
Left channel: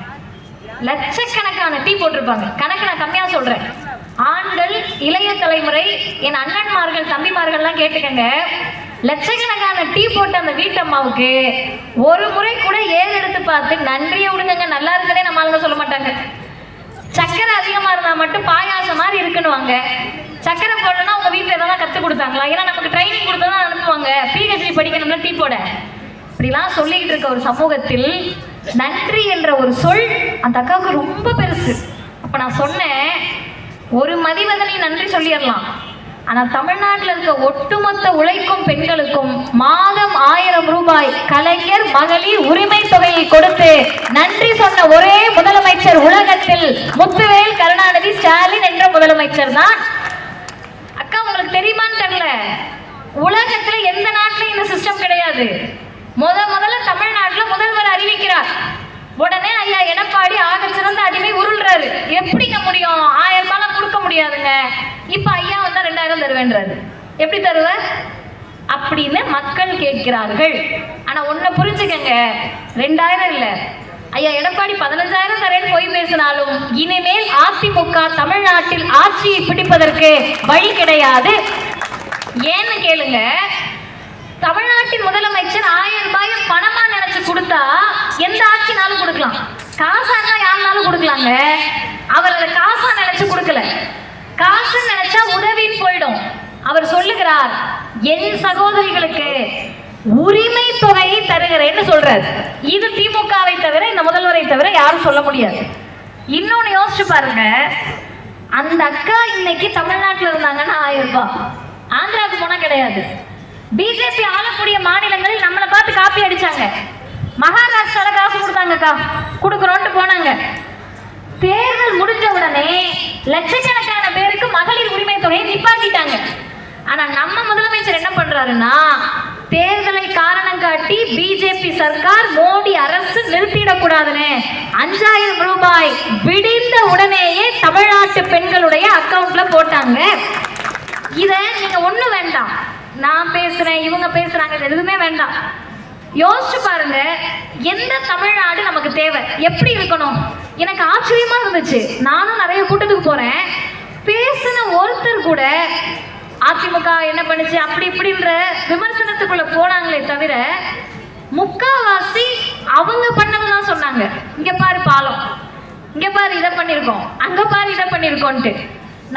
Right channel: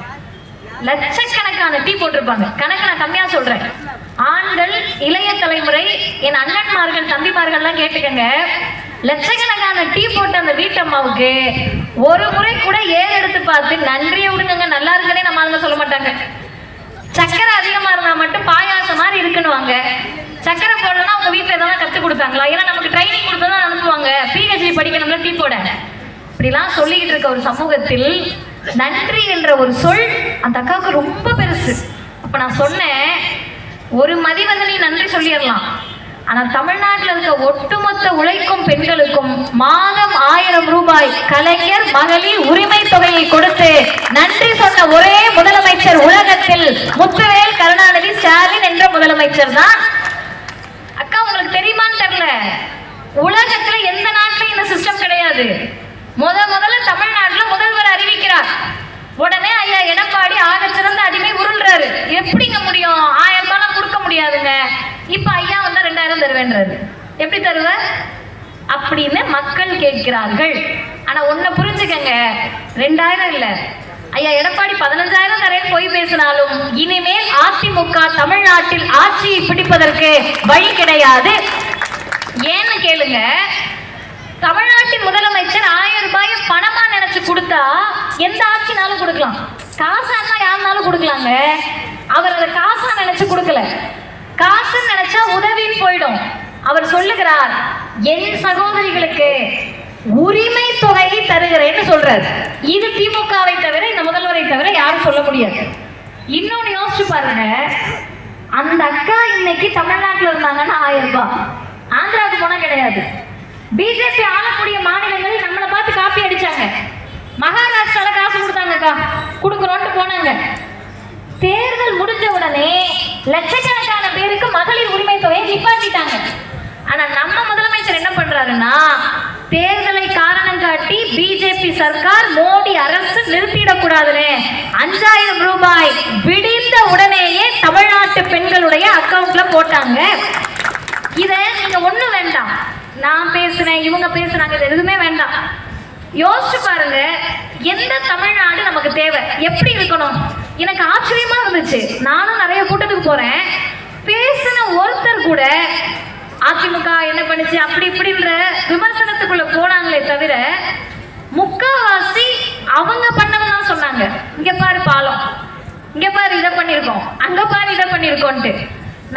லட்சக்கணக்கான டீ போட்டிருப்பாங்க. கணக்கு நான் கம்மியா சொல்றேன். ஆண்கள், இளைய தலைமுறை, என் அண்ணன்மார்கள், தம்பிமார்கள்லாம் கேட்டுக்கங்க. லட்சக்கணக்கான டீ போட்ட அந்த வீட்டம்மாவுக்கு ஒரு முறை கூட ஏறு எடுத்து பார்த்து நன்றியை விடுங்க நல்லா இருக்குன்னே நம்ம ஆளுங்க சொல்ல மாட்டாங்க. சக்கரை அதிகமா இருந்தா மட்டும் பாயாசம் மாதிரி இருக்குன்னுவாங்க. சக்கரை போடணும்னா அவங்க வீட்டுல எதாவது கற்றுக் கொடுத்தாங்களா? ஏன்னா நமக்கு ட்ரைனிங் கொடுத்ததான் அனுப்புவாங்க, பிஹெச்டி படிக்கணும்னா டீ போட. இப்படிலாம் சொல்லிக்கிட்டு இருக்க ஒரு சமூகத்தில் நன்றி என்ற ஒரு சொல் அந்த அக்காவுக்கு ரொம்ப பெருசு. அப்ப நான் சொன்னேன், ஒரு மதிவதனை நன்றி சொல்லிடலாம், ஆனா தமிழ்நாட்டில் இருக்க ஒட்டுமொத்த உழைக்கும் பெண்களுக்கும் மாதம் 1000 ரூபாய் கலைஞர் மகளிர் உரிமை தொகையை கொடுத்து நன்றி சொன்ன ஒரே முதலமைச்சர் உலகத்தில் முத்துவேல் கருணாநிதி ஸ்டாலின் என்ற முதலமைச்சர் தான். அக்கா உங்களுக்கு தெரியுமான்னு தெரியல, உலகத்துல எந்த நாட்டிலும் இந்த சிஸ்டம் கிடையாது. முதல்ல தமிழ்நாட்டில் முதல்வர் அறிவிக்கிறார், உடனே ஐயா எடப்பாடி ஆக சிறந்த அடிமை உருள்றாரு. எப்படிங்க முடியும்? 1000 ரூபாய் கொடுக்க முடியாதுங்க. இப்ப ஐயா வந்தா 2000 தருவேன்றாரு. எப்படி தருவார் அப்படின்னு மக்கள் கேட்கிறார்கள். ஆனா ஒன்ன புரிஞ்சுக்கங்க, 2000 இல்ல, ஐயா எடப்பாடி 15000 தரேன்னு போய் பேசினாலும் இனிமேல் அதிமுக தமிழ்நாட்டில் ஆட்சியை பிடிப்பதற்கு வழி கிடையாது. ஏன்னு கேளுங்க, தமிழ்நாட்டின் முதலமைச்சர் 1000 ரூபாயை பணமா நினைச்சு கொடுத்தா எந்த ஆட்சினாலும் கொடுக்கலாம், காசானா யாருனாலும் கொடுக்கலாங்க. அவர் அதை காசா நினைச்சு கொடுக்கல, காசு நினைச்சா உதவின்னு போயிடும். அவர் சொல்லுகிறார், என் சகோதரிகளுக்கு உரிமை தொகையை தருகிறேன்னு சொல்றாரு. இது திமுகவை தவிர, இந்த முதல்வரை தவிர யாரும் சொல்ல முடியாது. இன்னொன்னு யோசிச்சு பாருங்க, அந்த அக்கா இன்னைக்கு தமிழ்நாட்டில் இருந்தாங்கன்னா 1000 ரூபாய், ஆந்திராவுக்கு போனா கிடையாது. பிஜேபி ஆளக்கூடிய மாநிலங்கள் நம்மளை பார்த்து காப்பி அடிச்சாங்க. மகாராஷ்டிரால காசு கொடுத்தாங்கக்கா, கொடுக்குறோன்ட்டு போனாங்க. தேர்தல் முடிஞ்ச உடனே லட்சக்கணக்கான பேருக்கு மகளிர் உரிமை தொகையை நிப்பாட்டிட்டாங்க. ஆனா நம்ம முதலமைச்சர் என்ன பண்றாருன்னா, தேர்தலை காரணம் காட்டி பிஜேபி சர்க்கார், மோடி அரசு நிறுத்திடக்கூடாதுன்னு 5000 ரூபாய் விடிந்த உடனேயே தமிழ்நாட்டு பெண்களுடைய அக்கவுண்ட்ல போட்டாங்க. இத நீங்க ஒண்ணு வேண்டாம், நான் பேசுறேன் இவங்க பேசுறாங்க, இது எதுவுமே வேண்டாம். யோசிச்சு பாருங்க, எந்த தமிழ்நாடு நமக்கு தேவை, எப்படி இருக்கணும். எனக்கு ஆச்சரியமா இருந்துச்சு. நானும் நிறைய கூட்டத்துக்கு போறேன், பேசின ஒருத்தர் கூட அதிமுக என்ன பண்ணுச்சு அப்படி இப்படின்ற விமர்சனத்துக்குள்ள போனாங்களே தவிர, முக்காவாசி அவங்க பண்ணதான் சொன்னாங்க. இங்க பாரு பாலம், இங்க பாரு இதை பண்ணிருக்கோம், அங்க பாரு இதை பண்ணிருக்கோன்ட்டு.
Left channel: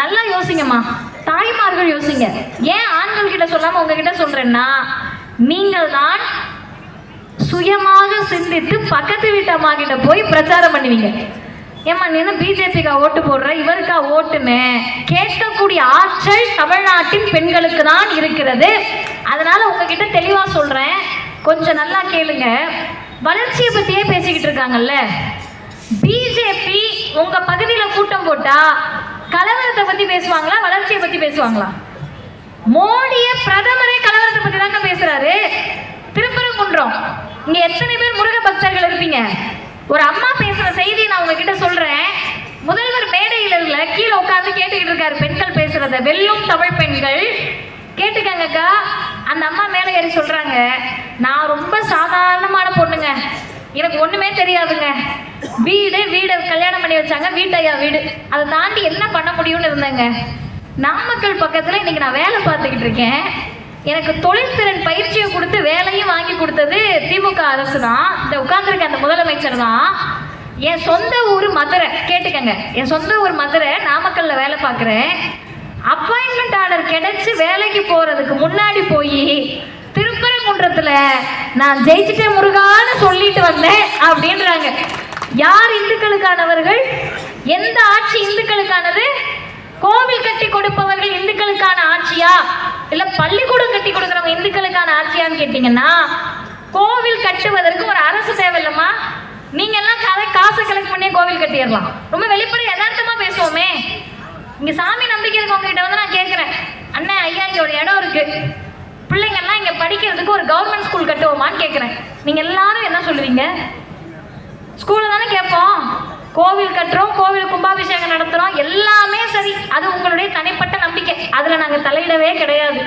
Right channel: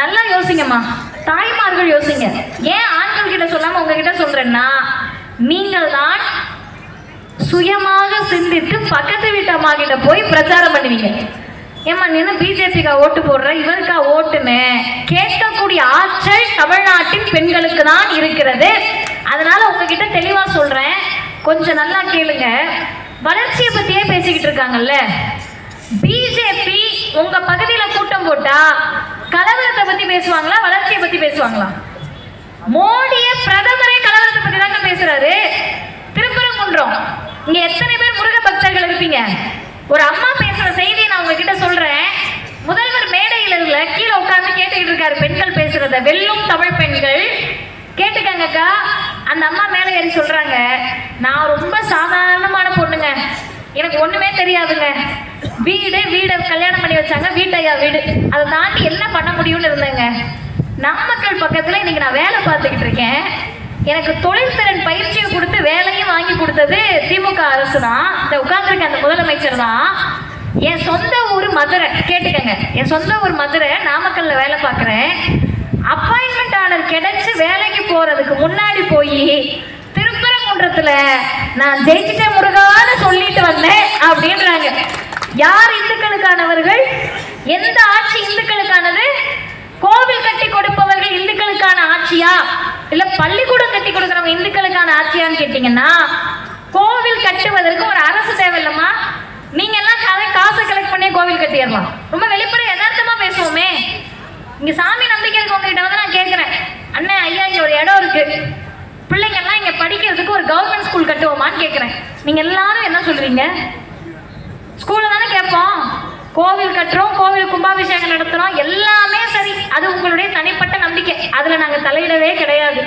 நல்லா யோசிங்கம்மா, தாய்மார்கள் யோசிங்க. ஏன் ஆண்கள் கிட்ட சொல்லாம உங்ககிட்ட சொல்றேன்னா, நீங்கள் தான் சுயமாக சிந்தித்து பக்கத்து வீட்டு அம்மா கிட்ட போய் பிரச்சாரம் பண்ணுவீங்க. ஏமா நீ பிஜேபிக்கா ஓட்டு போடுற, இவருக்கா ஓட்டுன்னு கேட்கக்கூடிய ஆற்றல் தமிழ்நாட்டின் பெண்களுக்கு தான் இருக்கிறது. அதனால உங்ககிட்ட தெளிவா சொல்றேன், கொஞ்சம் நல்லா கேளுங்க. வளர்ச்சியை பத்தியே பேசிக்கிட்டு இருக்காங்கல்ல, பிஜேபி உங்க பகுதியில கூட்டம் போட்டா கலவரத்தை பத்தி பேசுவாங்களா, வளர்ச்சியை பத்தி பேசுவாங்களா? மோடிய பிரதமரே கலவரத்தை பத்தி தாங்க பேசுறாரு. திருப்பரங்குன்றம், இங்க எத்தனை பேர் முருக பக்தர்கள் இருப்பீங்க? ஒரு அம்மா பேசுற செய்தியை நான் உங்ககிட்ட சொல்றேன். முதல்வர் மேடையில இல்ல, கீழே உட்கார்ந்து கேட்டுக்கிட்டு இருக்காரு பெண்கள் பேசுறத. வெல்லும் தமிழ் பெண்கள் கேட்டுக்கங்கக்கா. அந்த அம்மா மேலே ஏறி சொல்றாங்க, நான் ரொம்ப சாதாரணமான பொண்ணுங்க, எனக்கு ஒண்ணுமே தெரியாதுங்க. வீடை கல்யாணம் பண்ணி வச்சாங்க, வீட்டையா வீடு, அதை தாண்டி என்ன பண்ண முடியும்னு இருந்தாங்க. நாமக்கல் பக்கத்துல இன்னைக்கு நான் வேலை பார்த்துக்கிட்டு இருக்கேன். எனக்கு தொழில்திறன் பயிற்சியை கொடுத்து வேலையும் வாங்கி கொடுத்தது திமுக அரசு தான். இந்த உட்கார்ந்துருக்க அந்த முதலமைச்சர் தான். என் சொந்த ஊர் மதுரை, கேட்டுக்கங்க, என் சொந்த ஊர் மதுரை, நாமக்கல்ல வேலை பார்க்குறேன். அப்பாயின்மெண்ட் ஆர்டர் கிடைச்சு வேலைக்கு போறதுக்கு முன்னாடி போய் திருப்பரங்குன்றத்துல நான் ஜெயிச்சிட்டேன் முருகான்னு சொல்லிட்டு வந்தேன் அப்படின்றாங்க. யார் இந்துக்களுக்கானவர்கள்? எந்த ஆட்சி இந்துக்களுக்கானது? கோவில் கட்டி கொடுப்பவர்கள் இந்துக்களுக்கான ஆட்சியா, இல்ல பள்ளிக்கூடம் கட்டி கொடுக்கறவங்க இந்துக்களுக்கான ஆட்சியான்னு கேட்டீங்கன்னா, கோவில் கட்டுவதற்கு ஒரு அரசு தேவையில்லமா? நீங்க எல்லாம் காசை கலெக்ட் பண்ணி கோவில் கட்டிடலாம். ரொம்ப வெளிப்படை யதார்த்தமா பேசுவோமே. இங்க சாமி நம்பிக்கை இருக்கவங்க கிட்ட வந்து நான் கேட்கிறேன், அண்ணே ஐயா இங்க ஒரு இடம் இருக்கு, பிள்ளைங்க எல்லாம் இங்க படிக்கிறதுக்கு ஒரு கவர்மெண்ட் ஸ்கூல் கட்டுவோமான்னு கேட்கிறேன். நீங்க எல்லாரும் என்ன சொல்றீங்க? ஸ்கூல்ல தானே கேட்போம். கோவில் கட்டுறோம், கோவில் கும்பாபிஷேகம் நடத்துறோம், எல்லாமே சரி, அது உங்களுடைய தனிப்பட்ட நம்பிக்கை, அதுல நாங்க தலையிடவே கிடையாது.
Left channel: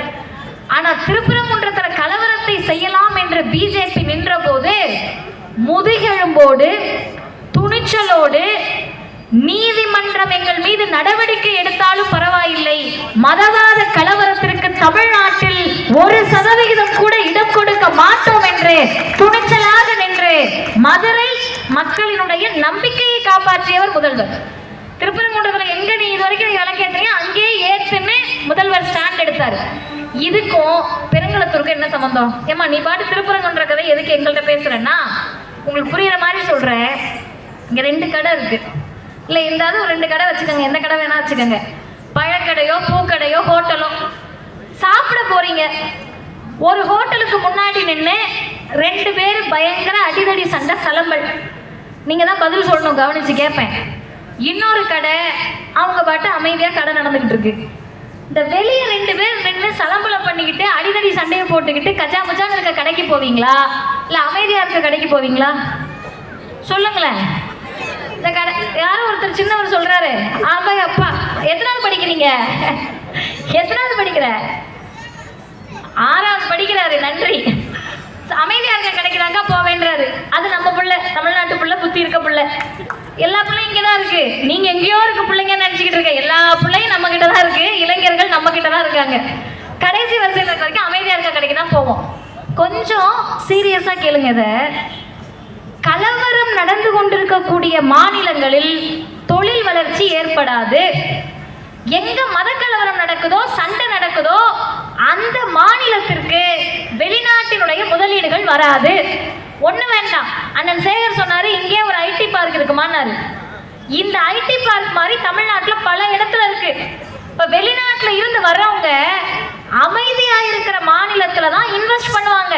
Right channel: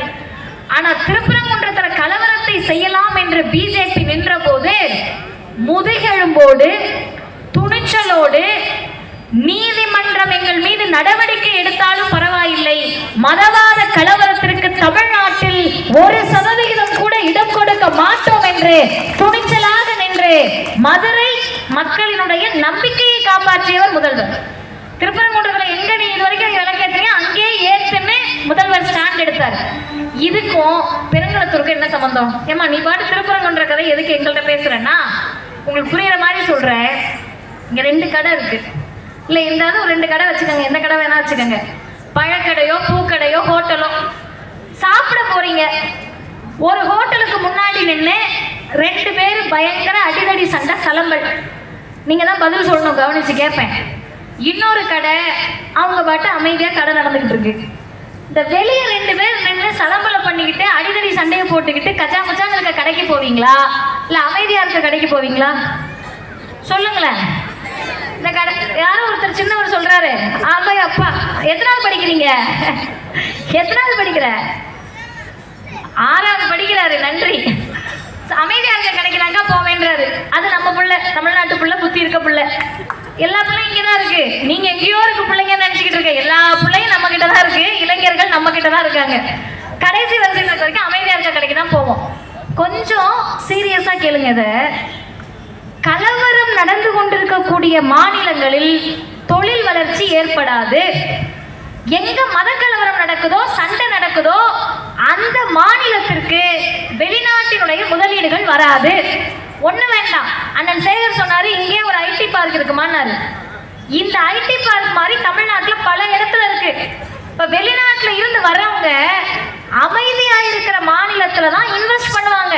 ஆனா திருப்பரங்குன்றத்துல கலவரத்தை செய்யலாம் என்று பிஜேபி நின்ற போது முதுகெலும்போடு துணிச்சலோடு, நீதிமன்றம் எங்கள் மீது நடவடிக்கை எடுத்தாலும் பரவாயில்லை, மதவாத கலவரத்திற்கு தமிழ்நாட்டில் 1% கூட இடம் கொடுக்க மாட்டோம் என்று துணிச்சலாக நின்று மதுரை மக்களினுடைய நம்பிக்கையை காப்பாற்றியவர் முதல்வர். திருப்பரங்குன்றத்துல எங்க நீ இது வரைக்கும் விளக்கேற்றீங்க, அங்கேயே ஏற்றுன்னு முதல்வர் ஸ்டாண்ட் எடுத்தார். இதுக்கும் பெருங்குளத்தூருக்கு என்ன சம்பந்தம்? ஏமா நீ பாட்டு திருப்பரங்குன்ற கதை எதுக்கு எங்கள்கிட்ட பேசுறேன்னா, உங்களுக்கு புரியுற மாதிரி சொல்றேன். இங்க 2 கடை இருக்கு, இல்ல இருந்தாலும் ஒரு 2 கடை வச்சுக்கோங்க, எந்த கடை வேணா வச்சுக்கோங்க. பழக்கடையோ பூக்கடையோ ஹோட்டலோ சாப்பிட போறீங்க. ஒரு ஹோட்டலுக்கு முன்னாடி நின்று 2 பேர் பயங்கர அடிதடி சண்டை சலம்பல். நீங்க தான் பதில் சொல்லணும், கவனிச்சு கேட்பேன். இன்னொரு கடை அவங்க பாட்டு அமைதியா கடை நடந்துகிட்டு இருக்கு. இந்த வெளியே 2 பேர் நின்று சலம்பலை பண்ணிக்கிட்டு அடிதடி சண்டையை போட்டுக்கிட்டு கச்சா மச்சான்னு இருக்க கடைக்கு போவீங்களா, இல்ல அமைதியா இருக்க கடைக்கு போவீங்களா? சொல்லுங்களேன். இந்த கடை யாரும் ஒருத்தர் சின்னவர் சொல்றாரு, ஆமா அப்பா எத்தனாவது படிக்கிறீங்க? எத்தனாவது படிக்கிற? 6வது படிக்கிறாரு. நன்றி. அமைதியா இருக்க கிடைக்கிறாங்க போவேன்றாரு. அது நம்ம புள்ள, தமிழ்நாட்டு புள்ள, புத்தி இருக்க புள்ள. எல்லா பிள்ளைங்க இங்கதான் இருக்கு. நீங்க எங்கேயோ இருக்க பிள்ளைங்க இருக்காங்க. கடைசி வரிசையில் இருக்க வரைக்கும் அமைதியா இருக்க கடைக்கு தான் போவோம். கொஞ்சம் சீரியஸா கேளுங்க. இத கலவரம் நடந்து கொண்டிருக்கக்கூடிய மாநிலங்களில் தொழில் வளர்ச்சி ஏற்படாது. எங்க மத கலவரம் நடக்குதோ, சண்டை நடக்குதோ, அந்த மாநிலத்திற்கு வெளிநாட்டினுடைய முதலீடுகள் வராது. ஒண்ணு வேண்டாம், அண்ணன் சேகர் சொன்னாரு இங்கே ஒரு ஐடி பார்க் இருக்குமான்னாரு. இந்த ஐடி பார்க் மாதிரி தமிழ்நாட்டுல பல இடத்துல இருக்கு. இப்ப வெளிநாட்டுல இருந்து வர்றவங்க அமைதியா இருக்கிற மாநிலத்துல தான் இன்வெஸ்ட் பண்ணுவாங்க,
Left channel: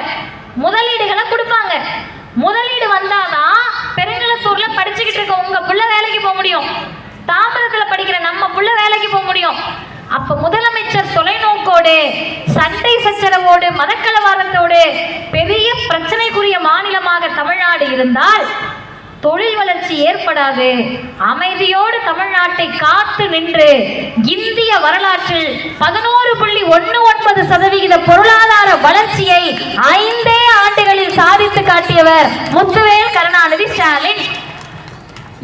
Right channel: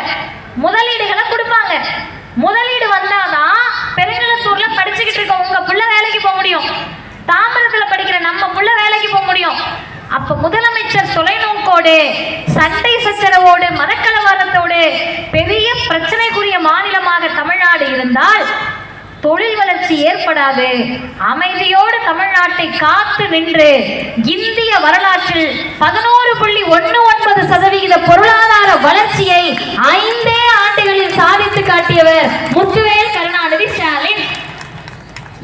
முதலீடுகளை கொடுப்பாங்க. முதலீடு வந்தாதான் பெருங்கலத்தூர்ல படிச்சுக்கிட்டு இருக்க உங்க புள்ள வேலைக்கு போக முடியும், தாமிரத்துல படிக்கிற நம்ம புள்ள வேலைக்கு போக முடியும். அப்ப முதலமைச்சர் தொலைநோக்கோடு, சண்டை சச்சரவோடு, மதக்கலவரத்தோடு பெரிய பிரச்சனைக்குரிய மாநிலமாக தமிழ்நாடு இருந்தால் தொழில் வளர்ச்சி ஏற்படாது. அமைதியோடு தமிழ்நாட்டை காத்து நின்று இந்திய வரலாற்றில் 11.19% பொருளாதார வளர்ச்சியை 5 ஆண்டுகளில் சாதித்து காட்டியவர் முத்துவேல் கருணாநிதி ஸ்டாலின்.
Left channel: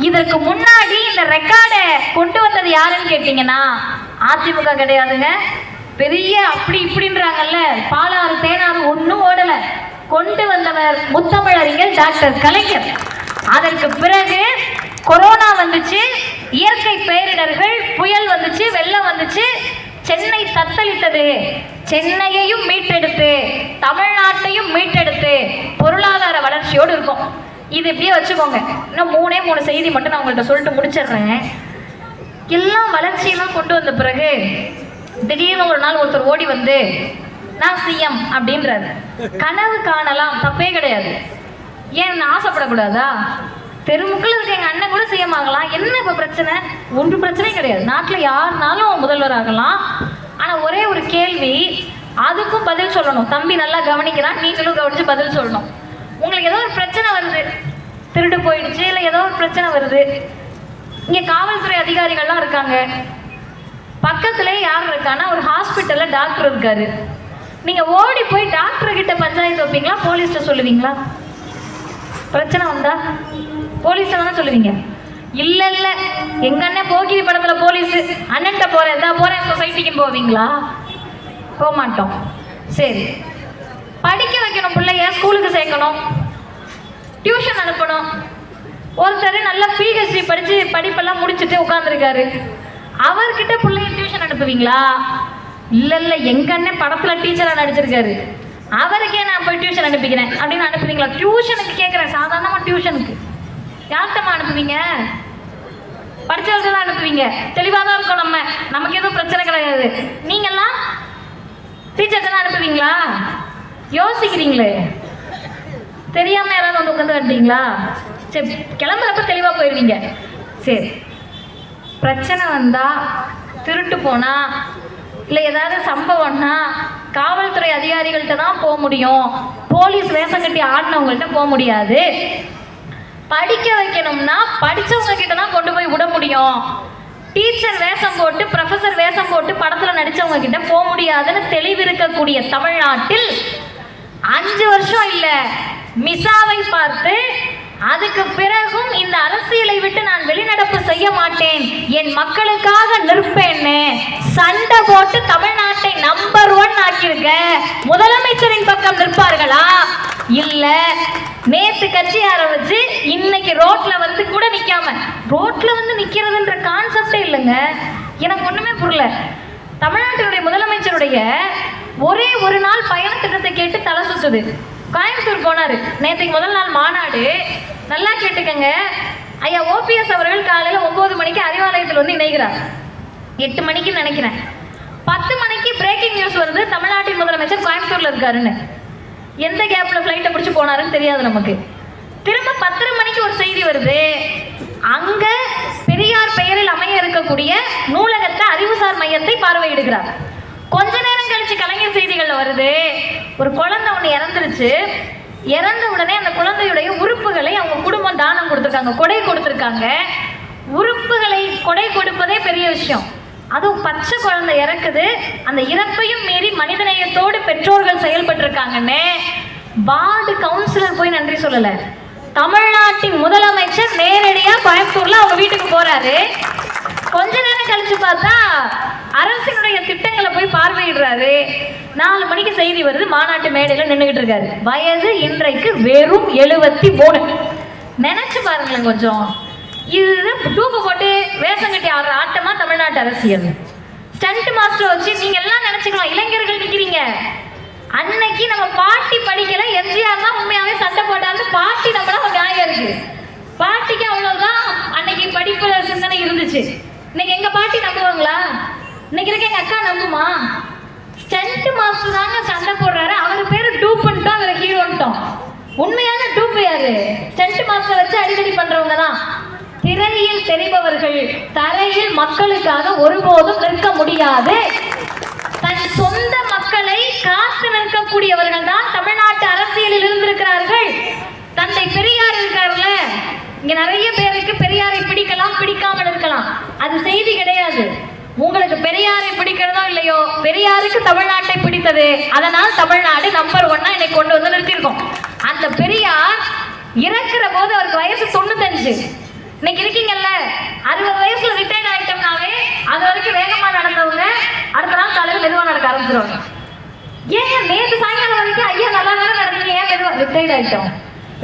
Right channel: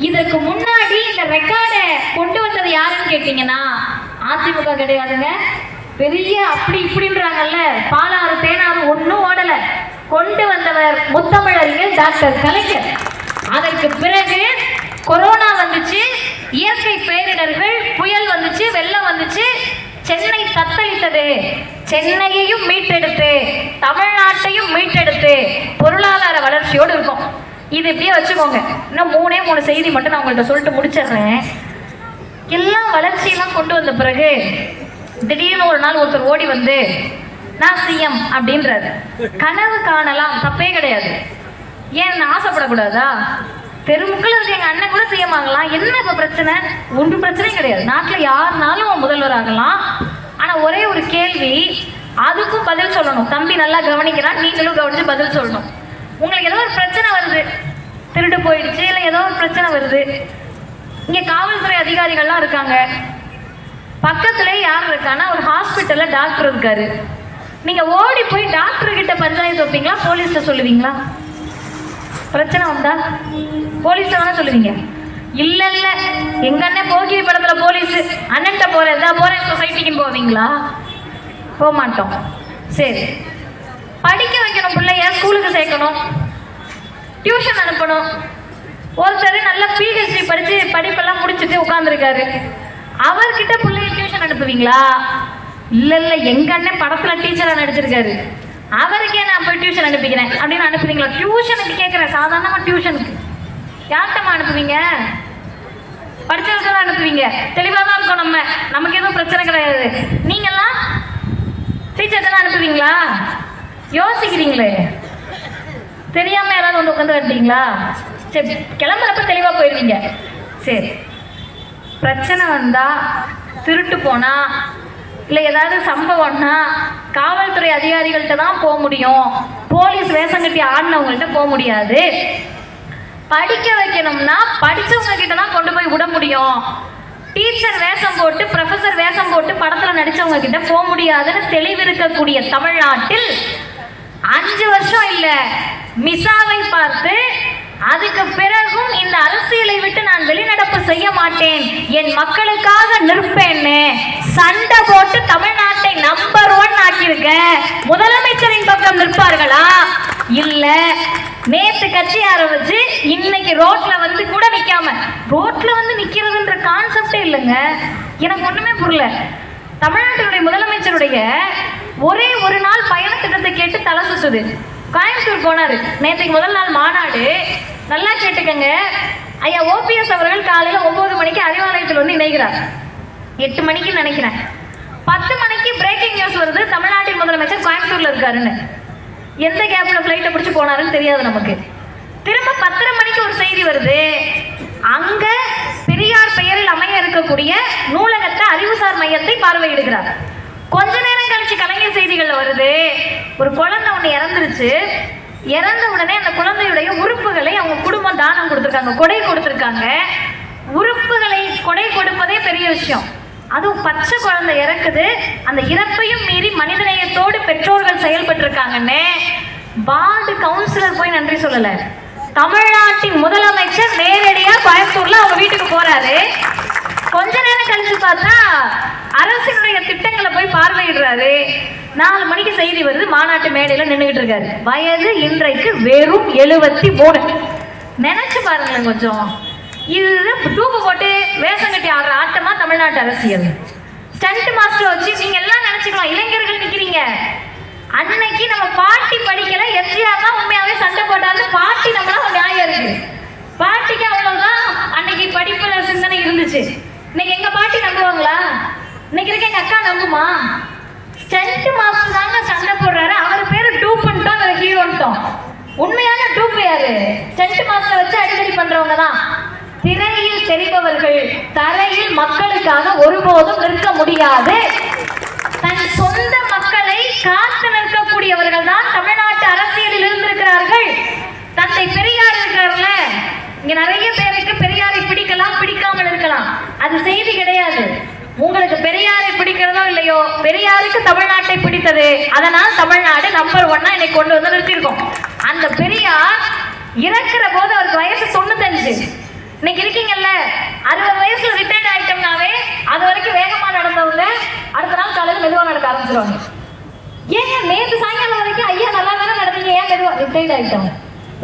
இதற்கு முன்னாடி இந்த ரெக்கார்டை கொண்டு வந்தது யாருன்னு கேட்டீங்கன்னா அதிமுக கிடையாதுங்க. பெரிய அப்படி இப்படின்றாங்கல்ல, பாலாறு தேனாறு ஒன்றும் ஓடல. கொண்டு வந்தவர் முத்தமிழறிஞர் டாக்டர் கலைஞர். அதற்கு பிறகு கொரோனா வந்துச்சு, இயற்கை பேரிடர்கள், புயல் வந்துச்சு, வெள்ளம் வந்துச்சு, சென்னை தத்தளித்தது. சென்னையையும் மீட்டெடுத்து தமிழ்நாட்டையும் மீட்டெடுத்து பொருளாதார வளர்ச்சியோடு இருக்கும். இது இப்படியே வச்சுக்கோங்க. இன்னும் 3 செய்தி மட்டும் நான் உங்கள்கிட்ட சொல்லிட்டு முடிச்சிடுறேன். எல்லாம் வளர்ச்சியெல்லாம் கொண்டு வந்த பிறகு திடீர்னு ஒரு நாள் ஒருத்தர் ஓடி வந்து நான் சிஎம் அப்படின்றாரு. கனவு காணலாம், தப்பே கிடையாது. ஏன் ஆசைப்படக்கூடாதா? தெருமுக்கள் இருக்க எங்க அண்ணன் கூட சிஎம் ஆகலாம். என்ன இப்ப பிரச்சனை? ஒன்றும் பிரச்சனையும் கிடையாது. நாட்டில் யாருனாலும் முதல்வர் ஆகலாம். ஆனா ஒரே ஒரு கேள்வி, அதுக்கும் பதில் சொல்லணும். தம்பி நல்லா கவனிக்கிறான், நீங்களும் கவனிச்சு பதில் சொல்லணும். உங்களுக்கு ஏதோ ஒரு பிரச்சனை வருது, திருடு போயிடுச்சு, இல்லை ஏதோ ஒரு பிரச்சனை வருது, இங்க காவல்துறை அதிகாரிகள்லாம் இருக்காங்க, பக்கத்துல யார் இருக்கான்னா ஒரு ஹாஸ்பிட்டல்ல டாக்டர் இருக்காரு. நீங்க ஓடி போய் டாக்டர் கிட்ட பஞ்சாயத்து வைப்பீங்களா, போலீஸ்ல சொல்லுவீங்களா? பிரச்சனை வந்தா போலீஸ்ல தானே சொல்லுவீங்க. இல்ல இல்ல எங்க அண்ணன் போகிரி படத்துல போலீஸ் அண்ணன்ட்ட போறேன், இதா போறேன் சொசைட்டிக்கு போவீங்களா? போக மாட்டோம். சரி, படிக்க வைக்கணும், பிள்ளைய ஸ்கூலுக்கு சேர்க்கணும், டியூஷன் அனுப்பணும். ஒருத்தர் நல்லா பிஹெச்டி படிச்சு படிப்பெல்லாம் முடிச்சுட்டு உட்கார்ந்துருக்காரு, அவர்கிட்ட பிள்ளைய டியூஷன் அனுப்புவீங்களா? இல்ல இல்ல எங்க அண்ணன் படத்துல டீச்சரா நடிச்சிருக்காரு, அவருக்கே நான் போய் டியூஷன் அனுப்பிக்கிறேன் அப்படின்னு அனுப்புவீங்களா? டியூஷனுக்கு கேட்கிறேன், சாதாரணமா டியூஷனுக்கு யார்கிட்டமா அனுப்புவீங்க? படிச்சவர்கள் தான் அனுப்புவீங்க. தெளிவாக தான் இருக்கும். நமக்கு எதுவும் பிரச்சனை கிடையாது. நீங்கெல்லாம் டீச்சர்கிட்ட தான் அனுப்புவீங்களா? யோசிக்கிறீங்களே, தெரியாம யாராவது வந்து உட்காந்து கட்டீங்களா? சரி, கிளம்புறப்ப தெளிவா போயிருவீங்க. சரி, பிரச்சனை வந்தா, திருட்டு போனா, இல்லை ஏதாவது சம்பவம்னா காவல்துறை அதிகாரிகள்கிட்ட தான் போக முடியும், போலீஸ் வேஷம் கட்டி ஆடினவங்கள்ட்ட போக முடியாது. படிக்க வைக்கணும்னா படிச்சவங்க கிட்ட தான் கொண்டு போய் விட முடியும். டீச்சர் வேஷம் போட்டு, ப்ரொஃபசர் வேஷம் போட்டு படத்துல நடிச்சவங்க கிட்ட போக முடியாதுன்னு தெளிவிருக்கக்கூடிய தமிழ்நாட்டில் 5 வருஷம் இல்ல மிசாவை பார்த்து அதுக்கு பிறகும் இந்த அரசியலை விட்டு நான் வெளிநடப்பு செய்ய மாட்டேன், என் மக்களுக்காக நிற்பேன்னு சண்டை போட்டு தமிழ்நாட்டை நம்பர் 1 ஆக்கியிருக்க முதலமைச்சரின் பக்கம் நிற்பார்களா? இல்ல நேத்து கட்சி ஆரம்பிச்சு இன்னைக்கு ரோட்ல வந்து கூட நிக்காம, ரோட்ல வந்து நிக்கிறதுன்ற கான்செப்டே இல்லைங்க. எனக்கு ஒண்ணுமே புரியல. தமிழ்நாட்டினுடைய முதலமைச்சருடைய ஒரே ஒரு நாள் பயண திட்டத்தை கேட்டு தலை சுத்துது. கோயம்புத்தூர் போனாரு, நேற்றுக்கு முதல் நாள் மாநாடு. நல்லா கேட்டுக்கங்க, ஐயா ஓபிஎஸ் அவர்கள் காலையில 9 மணிக்கு அறிவாலயத்தில் வந்து இணைகிறார். 8 மணிக்கு நினைக்கிறேன். 10 மணிக்கு பிரேக்கிங் நியூஸ் வருது, தமிழ்நாட்டின் முதலமைச்சர் கோயம்புத்தூர்ல இருக்காருன்னு. எந்த கேப்ல பிளைட்டை பிடிச்சு போனாருன்னு தெரியாது நமக்கு. திரும்ப 10:30 மணிக்கு ஒரு செய்தி வருது, அங்க பெரியார் பெயரில் அமைய இருக்கக்கூடிய நூலகத்தை அறிவுசார் மையத்தை பார்வையிடுகிறார். கொஞ்ச நேரம் கழிச்சு கலைஞர் செய்திகள்ல வருது, ஒரு குழந்தை ஒண்ணு இறந்துருச்சு, இறந்த உடனே அந்த குழந்தையுடைய உறுப்புகளை அவங்க குடும்பம் தானம் கொடுத்துருக்காங்க, கொடை கொடுத்துருக்காங்க. உறுப்புகளை கொடை கொடுப்பதே பெரிய விஷயம், அதுவும் பச்சை குழந்தை இறக்குது. அந்த இறப்பையும் மீறி மனிதநேயத்தோடு பெற்றோர்கள் செயல்பட்டு இருக்காங்கன்னு வார்டு கவுன்சிலர் போய் நன்றி சொல்லல. தமிழ்நாட்டின் முதலமைச்சர் நேரடியா கோயம்புத்தூர்ல அவங்க வீட்டுக்கு போறாரு. கொஞ்ச நேரம் கழிச்சு பார்த்தா அரசினுடைய திட்டங்களை போய் பார்வையிடுறாரு. 4 மணிக்கு செய்தி வருது, மாநாட்டு மேடையில நின்றுகிட்டு இருக்காரு. வயது இன்றைக்கு வெறும் 73. நினைச்சு பாருங்களேன் கொஞ்சம். இதுதான் தூக்கு போட்டு வேஷம் கட்டி ஆடுற ஆட்டமா தமிழ்நாட்டு அரசியல். ஸ்டண்ட் மாஸ்டர் வச்சு நீங்க எல்லாம் நினைச்சுக்கலாம் இளைஞர்கள் நிக்கிறீங்க. அன்னைக்கு நம்ம பாட்டி படிக்கல, எம்ஜிஆர் தான் உண்மையாவே சண்டை போட்டாரு. பாட்டி நம்மளா ஒரு நியாயம் இருக்கு. பாட்டிக்கு அவ்வளவுதான் அன்னைக்கு படிப்புல சிந்தனை இருந்துச்சு. இன்னைக்கு எங்க பாட்டி நம்புவாங்களா? இன்னைக்கு இருக்க எங்க அக்கா நம்புமா? ஸ்டண்ட் மாஸ்டர் தாங்க சண்டை போடுறாரு. அவர் பேரு டூப் பண்ணிட்டோம், அவர் ஹீரோன்ட்டோம். உண்மையான டூப் யாரு? ஸ்டண்ட் மாஸ்டர் வச்சு அடிக்கடி பண்றவங்க தான். திரையில் தெரிபவர்கள் தரையில் மக்களுக்காக ஒருபோதும் நிற்க முடியாது. தன் சொந்த மக்களை காத்து நிற்கக்கூடியவர்கள் தான் தமிழ்நாட்டு அரசியலில் இருந்திருக்கிறார்கள். தந்தை பெரியார் இருக்கார்ல, இங்க நிறைய பேருக்கு பெரியாரை பிடிக்கலாம், பிடிக்காமல் இருக்கலாம். அது செய்தி கிடையாது. உங்களுக்கு பெரியாரை பிடிக்கிறதோ இல்லையோ, பெரியாருக்கு தமிழ்நாட்டை பிடித்தது. அதனால் தமிழ்நாடு நம்பர் 1 இன்னைக்கு கொண்டு வந்து நிறுத்திருக்கோம். அந்த பெரியார் இறக்குற போது அவருக்கு வயசு 95. இன்னைக்கு இருக்கீங்கல்ல, 60 வயசுல ரிட்டையர்ட் ஆயிட்டோம்னாவே அது வரைக்கும் வேகமா நடந்தவங்க அடுத்த நாள் காலையில் மெதுவா நடக்க ஆரம்பிச்சிருவாங்க. ஏன் நேற்று சாயங்காலம் வரைக்கும் ஐயா நல்லா தானே நடந்தீங்க, ஏன் மெதுவா ரிட்டையர்ட் ஆயிட்டோம்?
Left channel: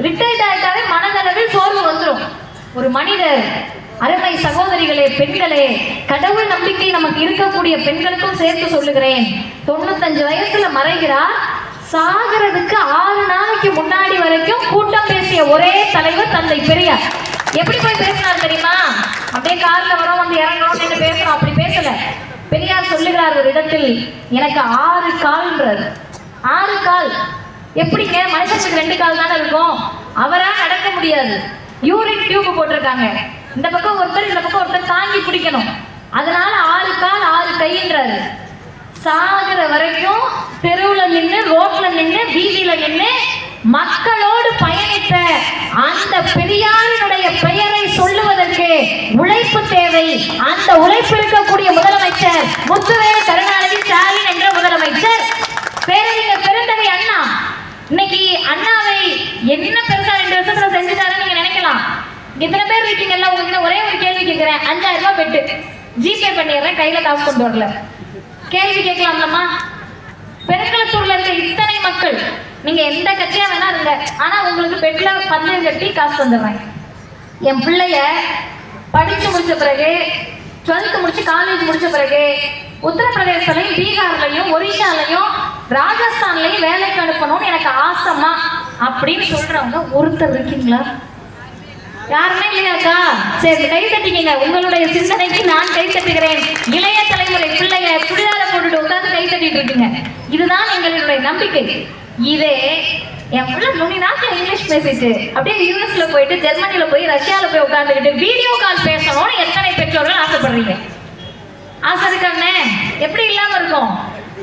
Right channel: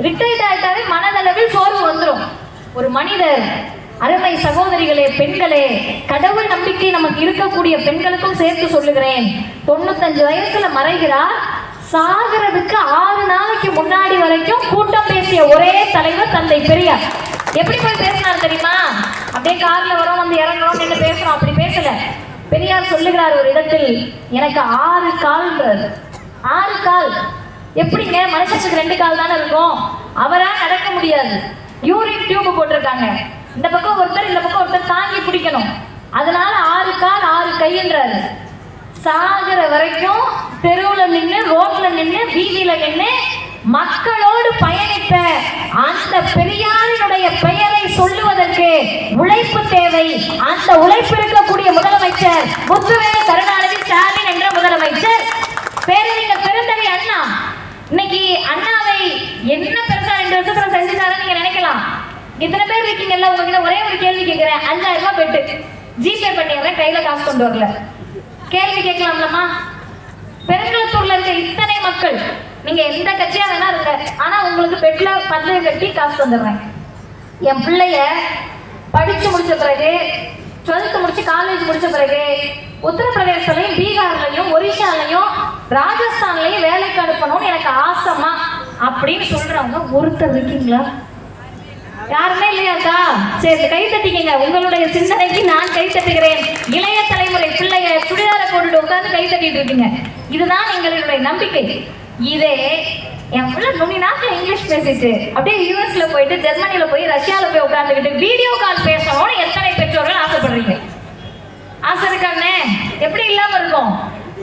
ரிட்டையர்ட் ஆயிட்டாலே மனதளவில் சோர்வு வந்துடும். ஒரு மனிதர், அருமை சகோதரிகளே, பெண்களே, கடவுள் நம்பிக்கை நமக்கு இருக்கக்கூடிய பெண்களுக்கும் சேர்த்து சொல்லுகிறேன், 95 வயசுல மறைகிறார். சாகிறதுக்கு 6 நாளைக்கு முன்னாடி வரைக்கும் கூட்டம் பேசிய ஒரே தலைவர் தந்தை பெரியார். எப்படி போய் பேசினார் தெரியுமா? அப்படியே கார்ல வரோம், வந்து இறங்கணும் என்று பேசுறோம். அப்படி பேசல. பெரியார் சொல்லுகிறார் ஒரு இடத்தில், எனக்கு 6 கால்ன்றார். 6 கால் எப்படிங்க? மனுஷனுக்கு 2 கால் தானே இருக்கும். அவரா நடக்க முடியாது. யூரின் டியூப் போட்டிருக்காங்க. இந்த பக்கம் ஒருத்தர், இந்த பக்கம் ஒருத்தர் தாங்கி பிடிக்கணும். அதனால 6 கால் 6 கைன்றாரு. சாகிற வரைக்கும் தெருவுல நின்று, ரோட்ல நின்று, வீதியில நின்று மக்களோடு பயணித்த அந்த பெரியாரினுடைய பெயரை சொல்லுவதற்கு உழைப்பு தேவை. அந்த உழைப்பு இருக்கக்கூடிய முதலமைச்சர் முத்துவேல் கருணாநிதி ஸ்டாலின் என்ற முதலமைச்சர். பேரறிஞர் பெருந்தகை அண்ணா இன்னைக்கு அண்ணாவை என்ன பெருசா 2 வருஷத்துல செஞ்சுட்டாருன்னு நீங்க நினைக்கலாம். இத்தனை பேர் இருக்கீங்கல்ல, உங்ககிட்ட ஒரே ஒரு கேள்வி கேட்கிறேன். 5000 ரூபாய் பெட்டு ஜிபே பண்ணிடுறேன், கையில காசு கொண்டு வரல. கேள்வி கேட்கலாம்லம்மா? பெருங்களத்தூர்ல இருக்க இத்தனை மக்கள், நீங்க எந்த கட்சியா வேணா இருங்க, ஆனா உங்களுக்கு பெட்ல பந்தயம் கட்டி காசு வந்துடுறேன். என் பிள்ளைய படிச்சு முடிச்ச பிறகு, 12th முடிச்சு காலேஜ் முடிச்ச பிறகு உத்தரப்பிரதேசலையும், பீகார்லையும், ஒரிசாலையும், ராஜஸ்தான்லையும் வேலைக்கு அனுப்பணும்னு எனக்கு ஆசைமா அப்படின்னு சொல்றவங்க ஒருத்தர் இருக்கீங்களா? யாருமே இல்லையாக்கா? சரி, கை தட்டிக்கீங்க. உங்களுடைய சிந்தனைக்கு நான் கை தட்டுகிறேன். இளைய தலைமுறை பிள்ளைய சுடிதார போட்டு உட்காந்து கை தட்டிட்டு இருக்கீங்க. இதுதான் எங்களுடைய நம்பிக்கை. இதே என் பிள்ளை நுனிநாட்டில் இங்கிலீஷ் பேசிட்டு அப்படியே யூஎஸ்ல போயிட்டு, ஜெர்மனில போய், ரஷ்யால போய் உட்காந்துக்கிட்டு வீடியோ கால் பேசணும்னு எத்தனை பெற்றோர்கள் ஆசைப்படுறீங்க? ஆசை இருக்கானே? எப்படி இல்லாம இருக்கும்?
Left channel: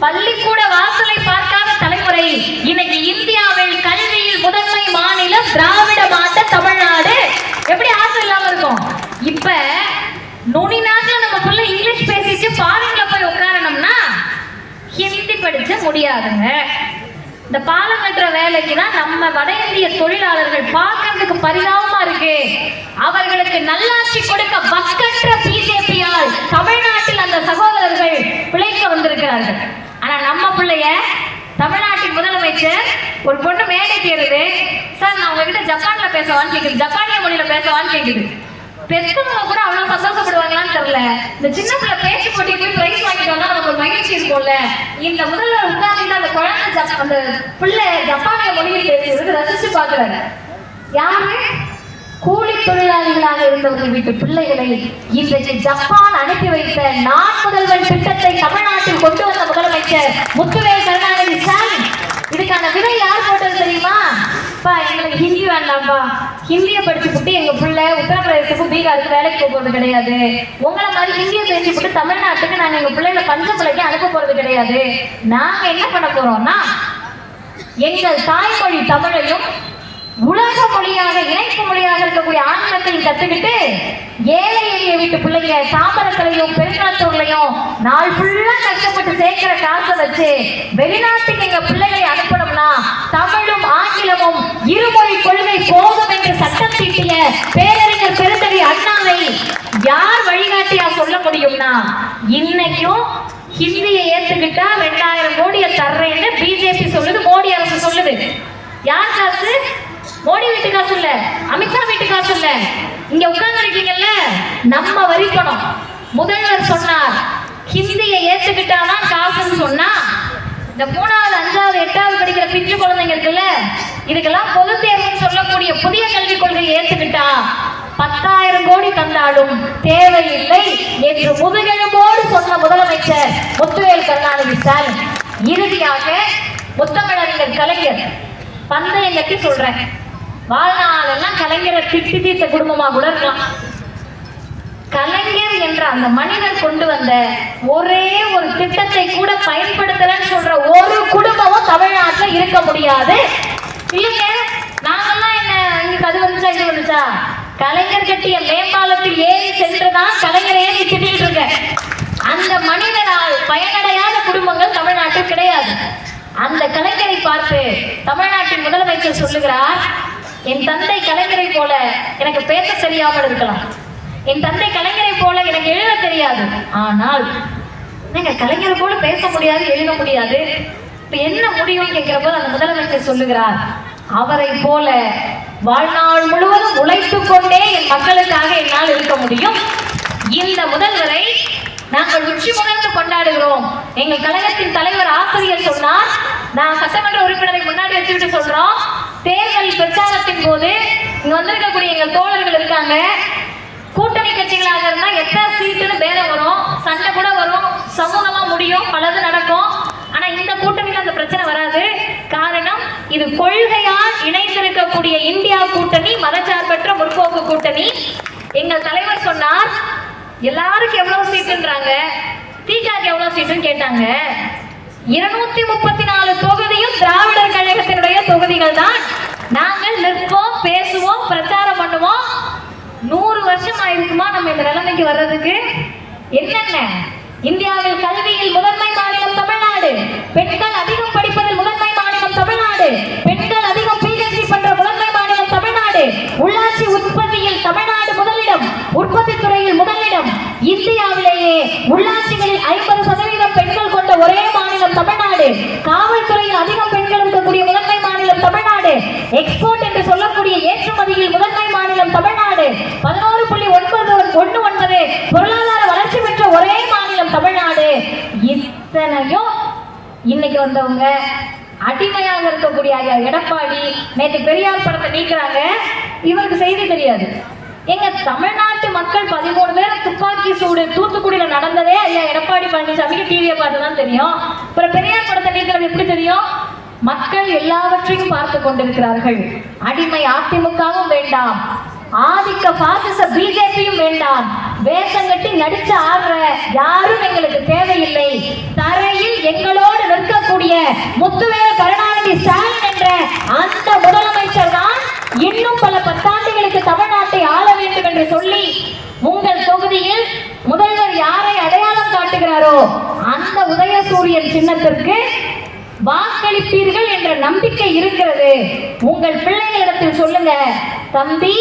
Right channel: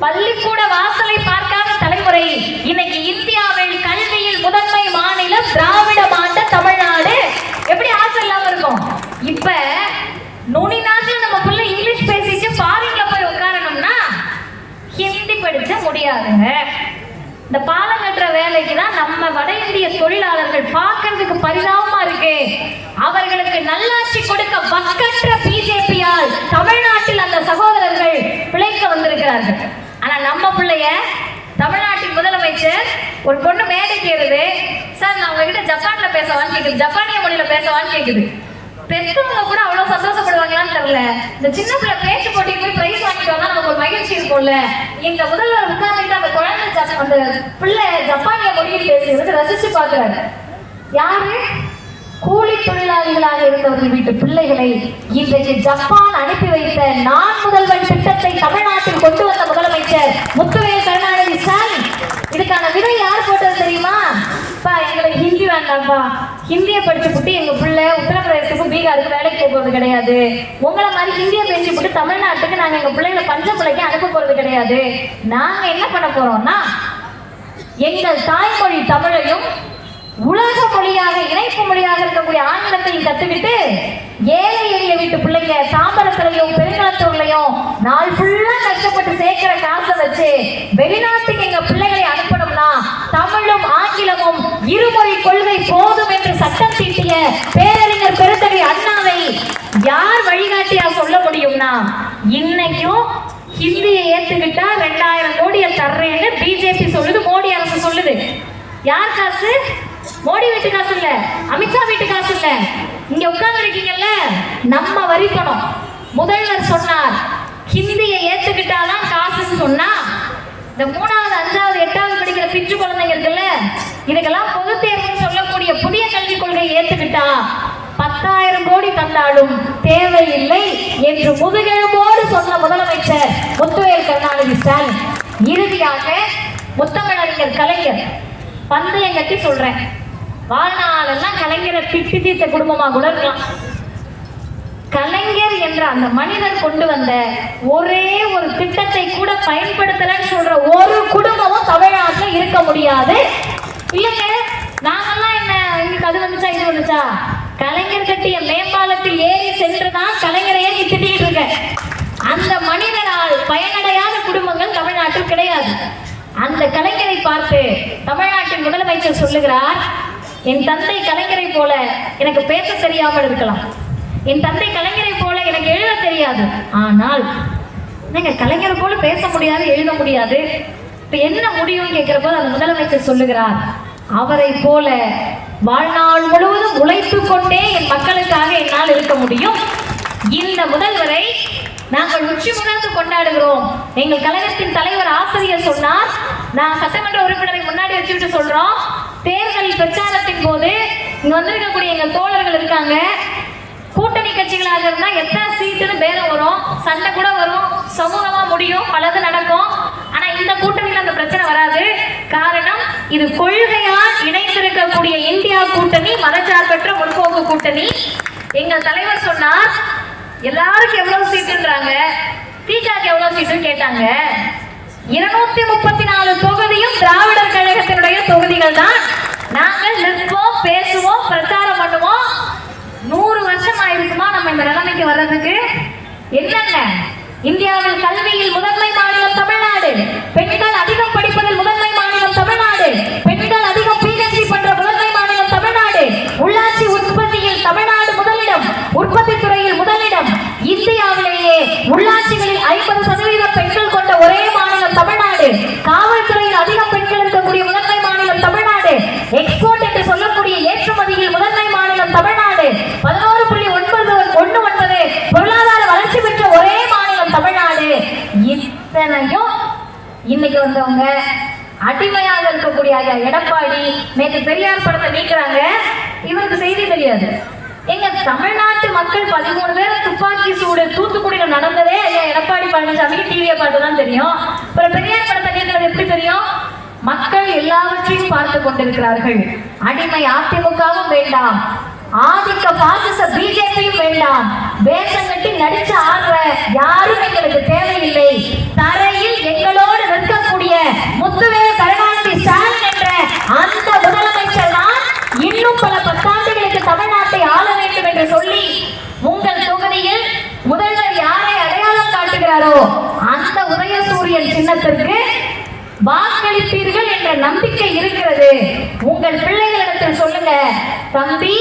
பள்ளிக்கூட வாசலை பார்க்காத தலைமுறை. இன்னைக்கு இந்தியாவில் கல்வியில் முதன்மை மாநிலம் திராவிட மாட்ட தமிழ்நாடு. எப்படி ஆசை இல்லாம இருக்கும்? இப்ப நுனி நாட்டுல நம்ம பிள்ளை இங்கிலீஷ் பேசிட்டு ஃபாரின்ல போய் உட்காரணும்னா ஹிந்தி படிச்ச முடியாதுங்க. இந்த பாலம் கட்டுற வேலைக்கு தான் நம்ம வட இந்திய தொழிலாளர்கள் பார்க்கறதுக்கு பரிதாபமா இருக்கு. அவர்களுக்கு நல்லாட்சி கொடுக்க பக்கற்ற பிஜேபியால் தமிழ்நாட்டில் அந்த சகோதரர்கள் பிழைக்க வந்திருக்கிறார்கள். ஆனா நம்ம பிள்ளைய தமிழ்நாட்டின் முதலமைச்சர் ஒரு பொண்ணு மேடைக்கு ஏறுது, சார் நான் உங்ககிட்ட ஜப்பான்ல பேசவான்னு கேக்குது, ஜப்பானிய மொழியில பேசவான்னு கேக்குது. பெற்றவங்க கூட அவ்வளவு சந்தோஷப்படுவாங்களான்னு தெரியல. இந்த சின்ன பிள்ளை பேச்சு போட்டிக்கு போய் பிரைஸ் வாங்கிட்டு வந்தா நமக்கு ஒரு மகிழ்ச்சி இருக்கும்ல. இந்த முதல்வர் உட்கார்ந்துட்டு அந்த குழந்தை அந்த பிள்ளை ஜப்பானிய மொழியில் பேசுறது ரசிச்சு பாக்குறாங்க. யாரு? கூலி தொழிலாளிகளாக இருந்தவர்கள் வீட்டு பிள்ளைகளை இன்றைக்கு ஜப்பான் அனுப்பி வைத்த நான் முதல்வன் திட்டத்தை தமிழ்நாட்டில் கொண்டு வந்த முதலமைச்சர் முத்துவேல் கருணாநிதி ஸ்டாலின். இதுக்கான விதை யார் போட்டது தெரியுமா? எங்களுக்கு ஹிந்தி வேண்டாம்ப்பா, ஹிந்தியை படிச்சுட்டு எங்க பிள்ளை உத்தரப்பிரதேசத்துக்கு, பீகாருக்கு வேலைக்கு போறது கிடையாது. உங்களை மாதிரி ஹிந்தியை பேசிட்டு தமிழ்நாட்டுக்கு நாங்க எங்க பிள்ளைகளை பஞ்சப்பிள்ளைக்கு அனுப்ப போறது கிடையாது. நாங்க என்ன பண்ண போறோம்னா, எங்கள் தாய்மொழி தமிழையும் உலக மொழியாக, இணைப்பு மொழியாக இருக்கக்கூடிய ஆங்கிலத்தையும் கத்துக்கிட்டு ஏழை எளிய வீட்டு பிள்ளைங்க தாம்பரத்திலையும் பெருங்களத்தூர்லையும் நாள் ஃபுல்லா கஷ்டப்பட்டு சேர்க்கிற காசை வச்சு வெளிநாட்டுக்கு எங்க பிள்ளைகளை அனுப்பணும்னா தமிழும் ஆங்கிலமும் இருமொழி கொள்கை போதும் என்று சட்டம் தீட்டிய பேரறிஞர் பெருந்தகை அண்ணாவை யார் வழிகாட்டியா சொல்ல முடியும்னா, இன்னைக்கும் ஹிந்தியை ஏத்துக்கிட்டா 2000 கோடியை தர்றேன் யார் காசு? மோடி வீட்டு காசு இல்ல, அமித்ஷா வீட்டு காசு இல்ல, இங்க உட்கார்ந்து இருக்கீங்கல்ல நம்ம வரி பணம். முதல்வர் சொன்னார் ஹிந்தியை ஏத்துக்கிட்டாதான் காசுன்னு சொன்னா, இந்த 3வது 5வது 8வது படிக்கிற பிஞ்சு குழந்தைங்க இருக்குல்ல, இதுக்கெல்லாம் பொது தேர்வுன்னு சொல்லக்கூடிய புதிய கல்விக் கொள்கையை ஏத்துக்கிட்டா 10,000 கோடி தந்தாலும் தேவையில்லை என்று முதுகெலும்போடு சொன்ன முதலமைச்சர் முத்துவேல் கருணாநிதி ஸ்டாலின். இறுதியாக முத்தமிழறிஞர் கலைஞர் பந்தயம் கட்டி சொல்றேன், வாழ்நாளெல்லாம் கலைஞரை திட்டி தீர்த்த குடும்பமா கூட இருக்கலாம். கலைஞர் என்ற அந்த மனிதர் கொண்டு வந்த ஒரே ஒரு திட்டத்தை கூட பயன்படுத்தலன்னு சொல்ற ஒரு குடும்பமும் தமிழ்நாட்டில் இருக்க முடியாது. இல்லைங்க, நாங்கெல்லாம் என்ன இங்க அது வந்துச்சா இது வந்துச்சா, கலைஞர் கட்டிய மேம்பாலத்தில் ஏறி சென்றுதான் கலைஞரையே திட்டிட்டு இருக்க. அந்த மனிதனால் பயனடையாத குடும்பங்கள் தமிழ்நாட்டில் கிடையாது. அந்த கலைஞரை பார்த்து தமிழ்நாட்டின் முதலமைச்சர் சொல்லுகிறார், என் தந்தை கலைஞரை போல எனக்கு பேச தெரியாமல் இருக்கலாம், என் தந்தை கலைஞரை போல எனக்கு எழுத தெரியாது, ஆனால் நீங்க கலைஞர் போல பேச முடியாது, எழுத முடியாது, இப்ப என்ன முடியும் கேட்கிறப்ப அந்த முதலமைச்சர் சொல்லுகிறார், அவரை போல வாழ்நாள் முழுவதும் உழைத்துக் கொண்டே என் மக்களுக்காக என்னால் இருக்க முடியும். இந்த முதல்வரை நாங்கள் உச்சி முகர்ந்து கொண்டாடுகிறோம். எங்கள் கழகத்தின் தலைவர் ஆசிரியர் சொன்னார், நான் சட்டமன்ற உறுப்பினரை முன்னாடி வச்சுட்டு சொல்றோம், தேர்தல் பிரச்சாரத்தின் போது இங்க வந்திருக்கக்கூடிய எங்க தோழர்கள் இருக்காங்க, கூட்டணி கட்சிகளாக இருந்தா எத்தனை சீட்டுன்னு பேரம் வரும், சண்டை கூட வரும், சமூகமா முடியும், பலது நடக்கும். ஆனா இந்த கூட்டணியில் அந்த பிரச்சனை வராது. காரணம், இது கொள்கையால் இணைந்திருக்கக்கூடிய இந்தியா கூட்டணி, மதச்சார்பற்ற முற்போக்கு கூட்டணி. எங்கள் தலைவர் சொன்னார், எல்லாருக்கும் எவ்வளவு சீட்டுன்றாங்க, திகாக்கு எவ்வளவு சீட்டுன்னு கேட்டாங்க. 234 தொகுதியும் திராவிடர் கழகத்தினுடைய தொகுதிகள் தான். நாங்கள் நிற்போம், பேசுவோம், பிரச்சாரம் பண்ணுவோம். 100 வருஷம் ஆயிருக்குமா நம்ம இந்த நிலைமைக்கு வர்றதுக்கு? என்னென்ன, இந்தியாவில் கல்வியில் முதன்மை மாநிலம் தமிழ்நாடு, பெண்கள் அதிகம் படிப்பதில் முதன்மை மாநிலம் தமிழ்நாடு, பெண்கள் அதிகம் PhD பண்ற முதன்மை மாநிலம் தமிழ்நாடு, உள்ளாட்சி உற்பத்தியில் தமிழ்நாடு முதலிடம், உற்பத்தி துறையில் முதலிடம், இந்தியாவிலேயே உள்ளாட்சிகளில் 50% பெண்கள் கொண்ட ஒரே மாநிலம் தமிழ்நாடு, காவல்துறையில் அதிகம் பெண்கள் இருக்கக்கூடிய முதன்மை மாநிலம் தமிழ்நாடு, எக்ஸ்போர்ட் என்று சொல்லக்கூடிய ஏற்றுமதியில் முதன்மை மாநிலம் தமிழ்நாடு, 11.19 பொருளாதார வளர்ச்சி பெற்ற ஒரே மாநிலம் தமிழ்நாடு. இத்தனையும் இன்னைக்கு வந்தவங்க அடிமையாக இருக்கக்கூடிய ஐயா எடப்பாடி நேற்று பெரியார் படத்தை நீக்கிறாங்க, இவருக்கு செய்தி தெரியாது. எங்க தமிழ்நாட்டு மக்கள் 13 பேர் துப்பாக்கி சூடு தூத்துக்குடியில் நடந்ததே ஐயா எடப்பாடி பழனிசாமிக்கு டிவியை பார்த்து தான் தெரியும். ஒரு பெரியார் படத்தை நீக்கிறது எப்படி தெரியும்? மக்கள் எல்லாவற்றையும் பார்த்து கொண்டிருக்கிறார்கள். அடிமை அதிமுகவும் வேண்டாம், ஆதிக்க பாசிச பிஜேபியும் வேண்டாம், வேஷம் கட்டி நடிச்ச ஆடுற யாரும் எங்களுக்கு தேவையில்லை. தரையில் எங்களோடு நிற்கக்கூடிய முத்துவேல் கருணாநிதி ஸ்டாலின் என்ற அந்த முதலமைச்சர் தான் இன்னும் பல 10 ஆண்டுகளுக்கு தமிழ்நாட்டை ஆள வேண்டும் என்று சொல்லி உங்கள் தொகுதியில் முதல்வர் யாரை அடையாளம் காட்டுகிறாரோ அந்த உதயசூரியன் சின்னத்திற்கு வாக்களிப்பீர்கள் என்ற நம்பிக்கை இருக்கிறது. உங்கள் பிள்ளைகளிடத்தில் சொல்லுங்க, தம்பி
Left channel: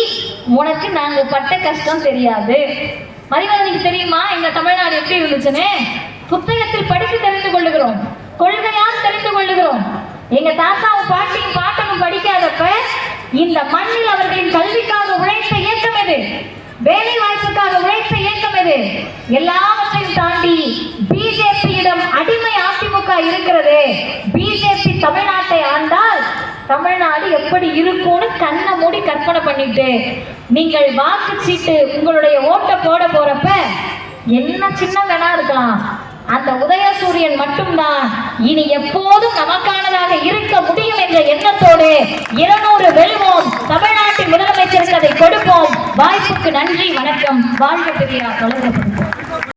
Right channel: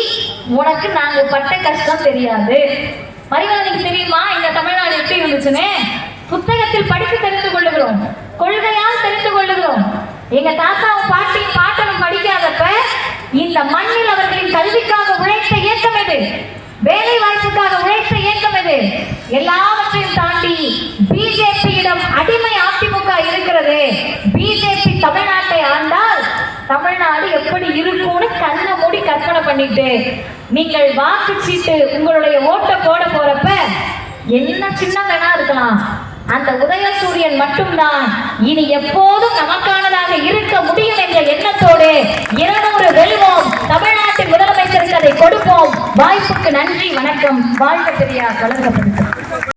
உனக்கு நாங்க பட்ட கஷ்டம் தெரியாது. மரியாதைக்கு தெரியுமா இந்த தமிழ்நாடு எப்படி இருந்துச்சுன்னு? புத்தகத்தில் படித்து தெரிந்து கொள்ளுகிறோம், கொள்கையால் தெரிந்து கொள்ளுகிறோம். எங்க தாத்தாவும் பாட்டியும் பாட்டனும் படிக்காதப்ப இந்த மண்ணில் அவர்களின் கல்விக்காக உழைத்த இயக்கம் எது? வேலை வாய்ப்புக்காக உழைத்த இயக்கம் எது? எல்லாவற்றையும் தாண்டி பிஜேபியிடம் அடிமை அதிமுக இருக்கிறது. பிஜேபி தமிழ்நாட்டை ஆண்டால் தமிழ்நாடு எப்படி இருக்கும்னு கண்ணை மூடி கற்பனை பண்ணிட்டு நீங்கள் வாக்கு சீட்டு உங்களுடைய ஓட்டை போட போறப்ப என்ன சின்ன வேணா இருக்கலாம், அந்த உதயசூரியன் மட்டும்தான் இனி எப்போதும் நமக்கானதாக இருக்க முடியும் என்ற எண்ணத்தோடு 200 வெல்வோம், தமிழ்நாட்டின் முதலமைச்சருக்கு அதை கொடுப்போம். வாய்ப்புக்கு நன்றி, வணக்கம். வாழ்க பெரியார், வளர்க்கப்படும்.